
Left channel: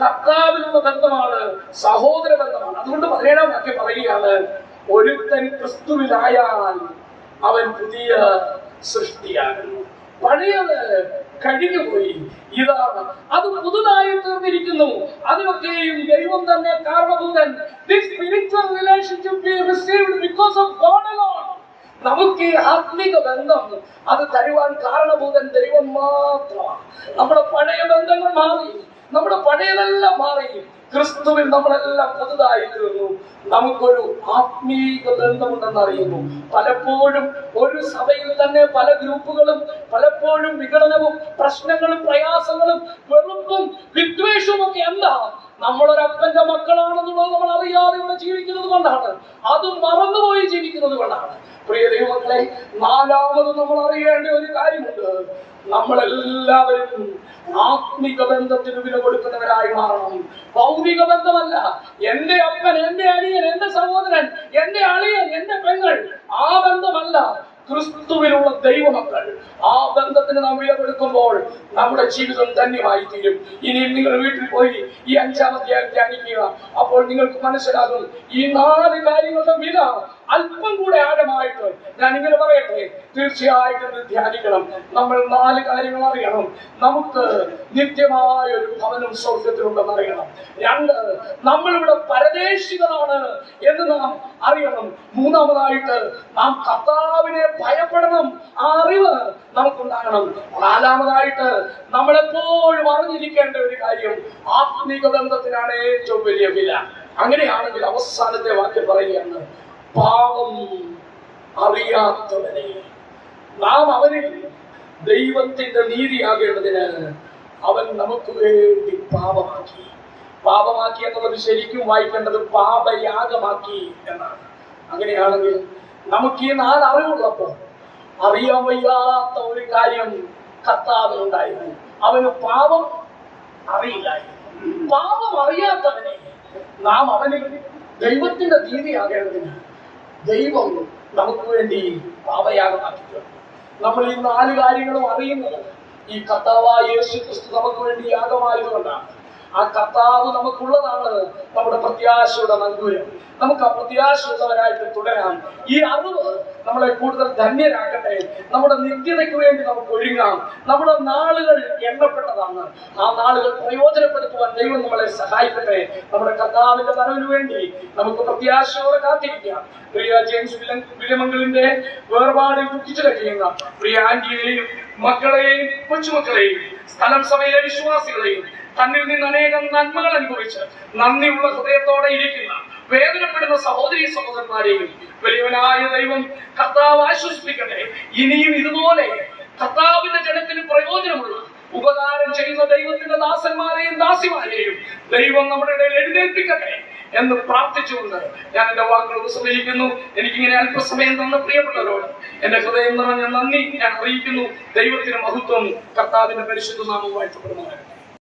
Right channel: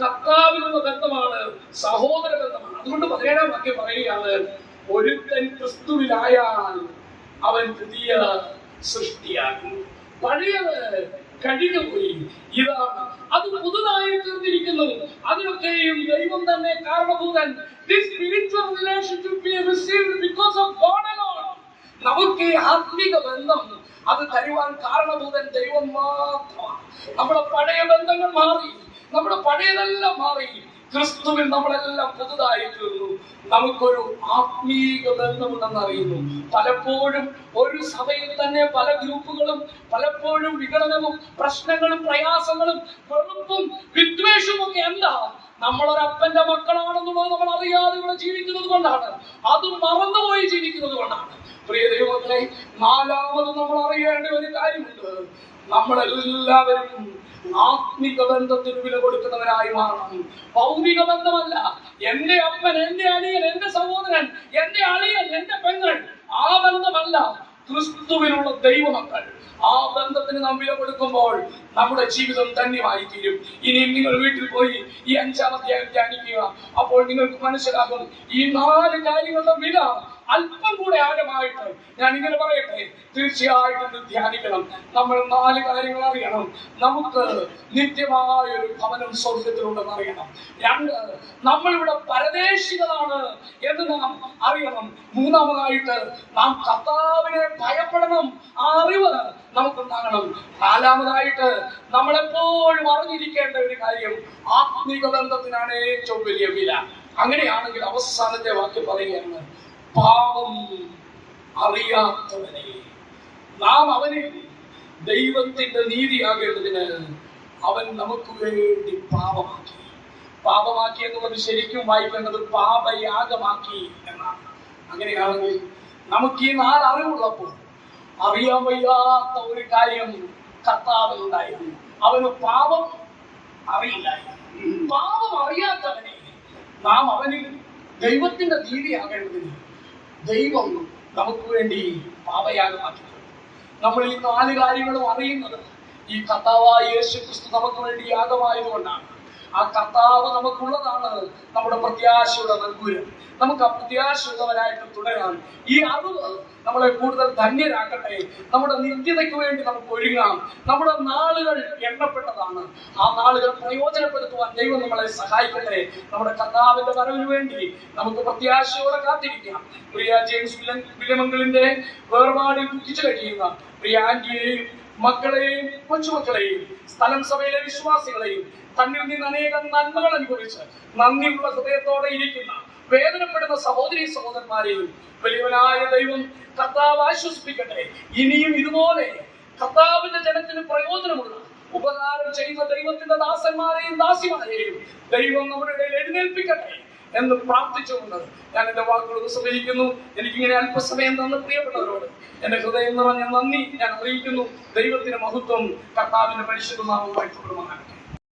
കർത്താവിനുള്ള ബന്ധമാണ്, സഹോദര ബന്ധമാണ്. അതുകൊണ്ട് 17-ാം വാക്യം പറയുകയാണ്, ഒരുത്തൻ ക്രിസ്തുവിലായാൽ അവൻ പുതിയ സൃഷ്ടിയാകുന്നു, പഴയത് കഴിഞ്ഞുപോയി, ഇതാണ് അത് പുതുതായി തീർന്നിരിക്കുന്നു. അതിനൊക്കെയും ദൈവം തന്നെ കാരണഭൂതൻ. This spiritual relationship we received because of God alone. നമുക്ക് ഈ ആത്മീക ബന്ധം അത് തരുവാൻ കാരണഭൂതൻ ദൈവം മാത്രമാണ്. നമ്മുടെ പഴയ ബന്ധങ്ങൾ മാറി, നമ്മുടെ പഴയതെല്ലാം മാറി, ക്രിസ്തുവിൽ നമ്മളെല്ലാം പുതുതായി തീർന്നു. നമുക്കൊരു ആത്മീക ബന്ധമുണ്ടെന്ന് അറിയുന്നു. പലപ്പോഴും ഒരു സഭയിൽ തന്നെ പല ഗ്രൂപ്പുകളും, പലപ്പോഴും വിഘടനവും പ്രശ്നങ്ങളും പ്രയാസങ്ങളും വെറുപ്പും വിദ്വേഷവും ഒക്കെ എന്താ? നമ്മളൊരപ്പന്റെ മക്കളാണെന്നുള്ളത് നമ്മൾ അറിയാതെ ഇവിടെ ജീവിക്കുന്നത് കൊണ്ടാണ്, അതും മറന്നുപോയി ജീവിക്കുന്നത് കൊണ്ടാണ്. പ്രിയ ദൈവമക്കളെ, നാലാമത് നമ്മൾ അറിയേണ്ട ഒരു കാര്യമുണ്ട്. നമ്മളെല്ലാവരും ആത്മിക ബന്ധത്തിന് വില കൊടുക്കുന്നവരായി മാറണം. ഭൗതിക ബന്ധമല്ല. എന്റെ അപ്പൻ, എന്റെ അനിയൻ, എന്റെ സഹോദരൻ, എന്റെ അളിയൻ, എന്റെ പെങ്ങൾ, ആ ബന്ധമല്ല. ക്രിസ്തുവിലുള്ള ദൈവമക്കൾ, ആ ബന്ധത്തിന് നാം വില കൊടുക്കുമ്പോൾ നമ്മുടെ ജീവിതം ധന്യമായി തീരും. ഇനി നിങ്ങൾ വീട്ടിൽ പോയി ഈ 5-ാം അധ്യായം ധ്യാനിക്കുക. അപ്പോൾ നിങ്ങൾക്ക് മനസ്സിലാകും ഈ 4 കാര്യങ്ങളുടെ വില അല്പം കൂടെ ആഴമായിട്ട് ഞാൻ ഇങ്ങനെ പറയട്ടെ. തീർച്ചയായിട്ടും ധ്യാനിക്കണം. നമ്മൾ 4 കാര്യങ്ങൾ അറിയണം. നമുക്ക് നിത്യമായ ഒരു ഭവനം സ്വർഗത്തിലുണ്ടെന്ന് അറിയണം. 2, നമ്മളിവിടെ പരദേശികളാണ് എന്ന് നാം അറിയണം. 3-ാമതായിട്ട് നാം കർത്താവിനെ ഭയപ്പെടണം. ആ അറിവ് നമുക്കുണ്ടാകണം. 4-ാമതായിട്ട് നമ്മളെപ്പോഴും അറിഞ്ഞിരിക്കേണ്ട ഒരു കാര്യം, ആത്മീക ബന്ധത്തിനാണ് ഏറ്റവും വലിയ വില. അങ്ങനെയാണെങ്കിൽ അവസാനത്തെ വാക്യം പറയുകയാണ്, പാപം അറിയാത്തവനെ നാം അവനിൽ ദൈവത്തിന്റെ നീതിയാകേണ്ടതിന് അവൻ നമുക്ക് വേണ്ടി പാപമാക്കി. പാപമാക്കി എന്നുള്ളത് ശരിക്കും വായിക്കേണ്ടത് പാപയാഗമാക്കി എന്നാണ്. അങ്ങനെയാണെങ്കിൽ നമുക്ക് ഈ 4 അറിവുള്ളപ്പോൾ അറിയാൻ വയ്യാത്ത ഒരു കാര്യം കർത്താവിനുണ്ടായിരുന്നു. അവന് പാപം അറിയില്ലായിരുന്നു. പാപം അറിയാത്തവനെ നാം അവനിൽ ദൈവത്തിന്റെ നീതിയാകേണ്ടതിന് ദൈവം നമുക്ക് വേണ്ടി പാപയാഗമാക്കിയിട്ടുണ്ട്. നമ്മൾ ഈ 4 കാര്യങ്ങളും അറിയുന്നത് ഈ കർത്താവായ യേശു ക്രിസ്തു നമുക്ക് വേണ്ടി യാഗമായതുകൊണ്ടാണ്. ആ കർത്താവ് നമുക്കുള്ളതാണ് നമ്മുടെ പ്രത്യാശയുടെ നങ്കൂരം. നമുക്ക് ആ പ്രത്യാശയുള്ളവരായിട്ട് തുടരാൻ ഈ അറിവ് നമ്മളെ കൂടുതൽ ധന്യരാക്കട്ടെ. നമ്മുടെ നിത്യതയ്ക്ക് വേണ്ടി നമുക്ക് ഒരുങ്ങാം. നമ്മുടെ നാളുകൾ എണ്ണപ്പെട്ടതാണ്. ആ നാളുകൾ പ്രയോജനപ്പെടുത്തുവാൻ ദൈവം നമ്മളെ സഹായിക്കട്ടെ. നമ്മുടെ കർത്താവിന്റെ വരവിന് വേണ്ടി നമുക്ക് പ്രത്യാശയോടെ കാത്തിരിക്കാം. പ്രിയ ജെയിംസ് വിലമംഗലിന്റെ വേർപാടിൽ ദുഃഖിച്ചു കഴിയുന്ന പ്രിയ ആന്റിയെയും മക്കളെയും കൊച്ചുമക്കളെയും സ്ഥലം സഭയിലെ വിശ്വാസികളെയും തന്നിൽ നിന്ന് അനേകം നന്മകൾ അനുഭവിച്ച് നന്ദിയുള്ള ഹൃദയത്തോടെ ഇരിക്കുന്ന വേദനപ്പെടുന്ന സഹോദരീ സഹോദരന്മാരെയും വലിയവനായ ദൈവം കർത്താവ് ആശ്വസിപ്പിക്കട്ടെ. ഇനിയും ഇതുപോലെ കർത്താവിന്റെ ജനത്തിന് പ്രയോജനമുള്ള ഉപകാരം ചെയ്യുന്ന ദൈവത്തിന്റെ ദാസന്മാരെയും ദാസിമാരെയും ദൈവം നമ്മുടെ ഇടയിൽ എഴുന്നേൽപ്പിക്കട്ടെ എന്ന് പ്രാർത്ഥിച്ചുകൊണ്ട് ഞാൻ എന്റെ വാക്കുകൾ ഉപസംഹരിക്കുന്നു. എനിക്കിങ്ങനെ അല്പസമയം തന്ന പ്രിയപ്പെട്ടവരോട് എന്റെ ഹൃദയം നിറഞ്ഞ നന്ദി ഞാൻ അറിയിക്കുന്നു. ദൈവത്തിന് മഹത്വം. കർത്താവിന്റെ പരിശുദ്ധ നാമം വാഴ്ത്തപ്പെടുമാറാകട്ടെ.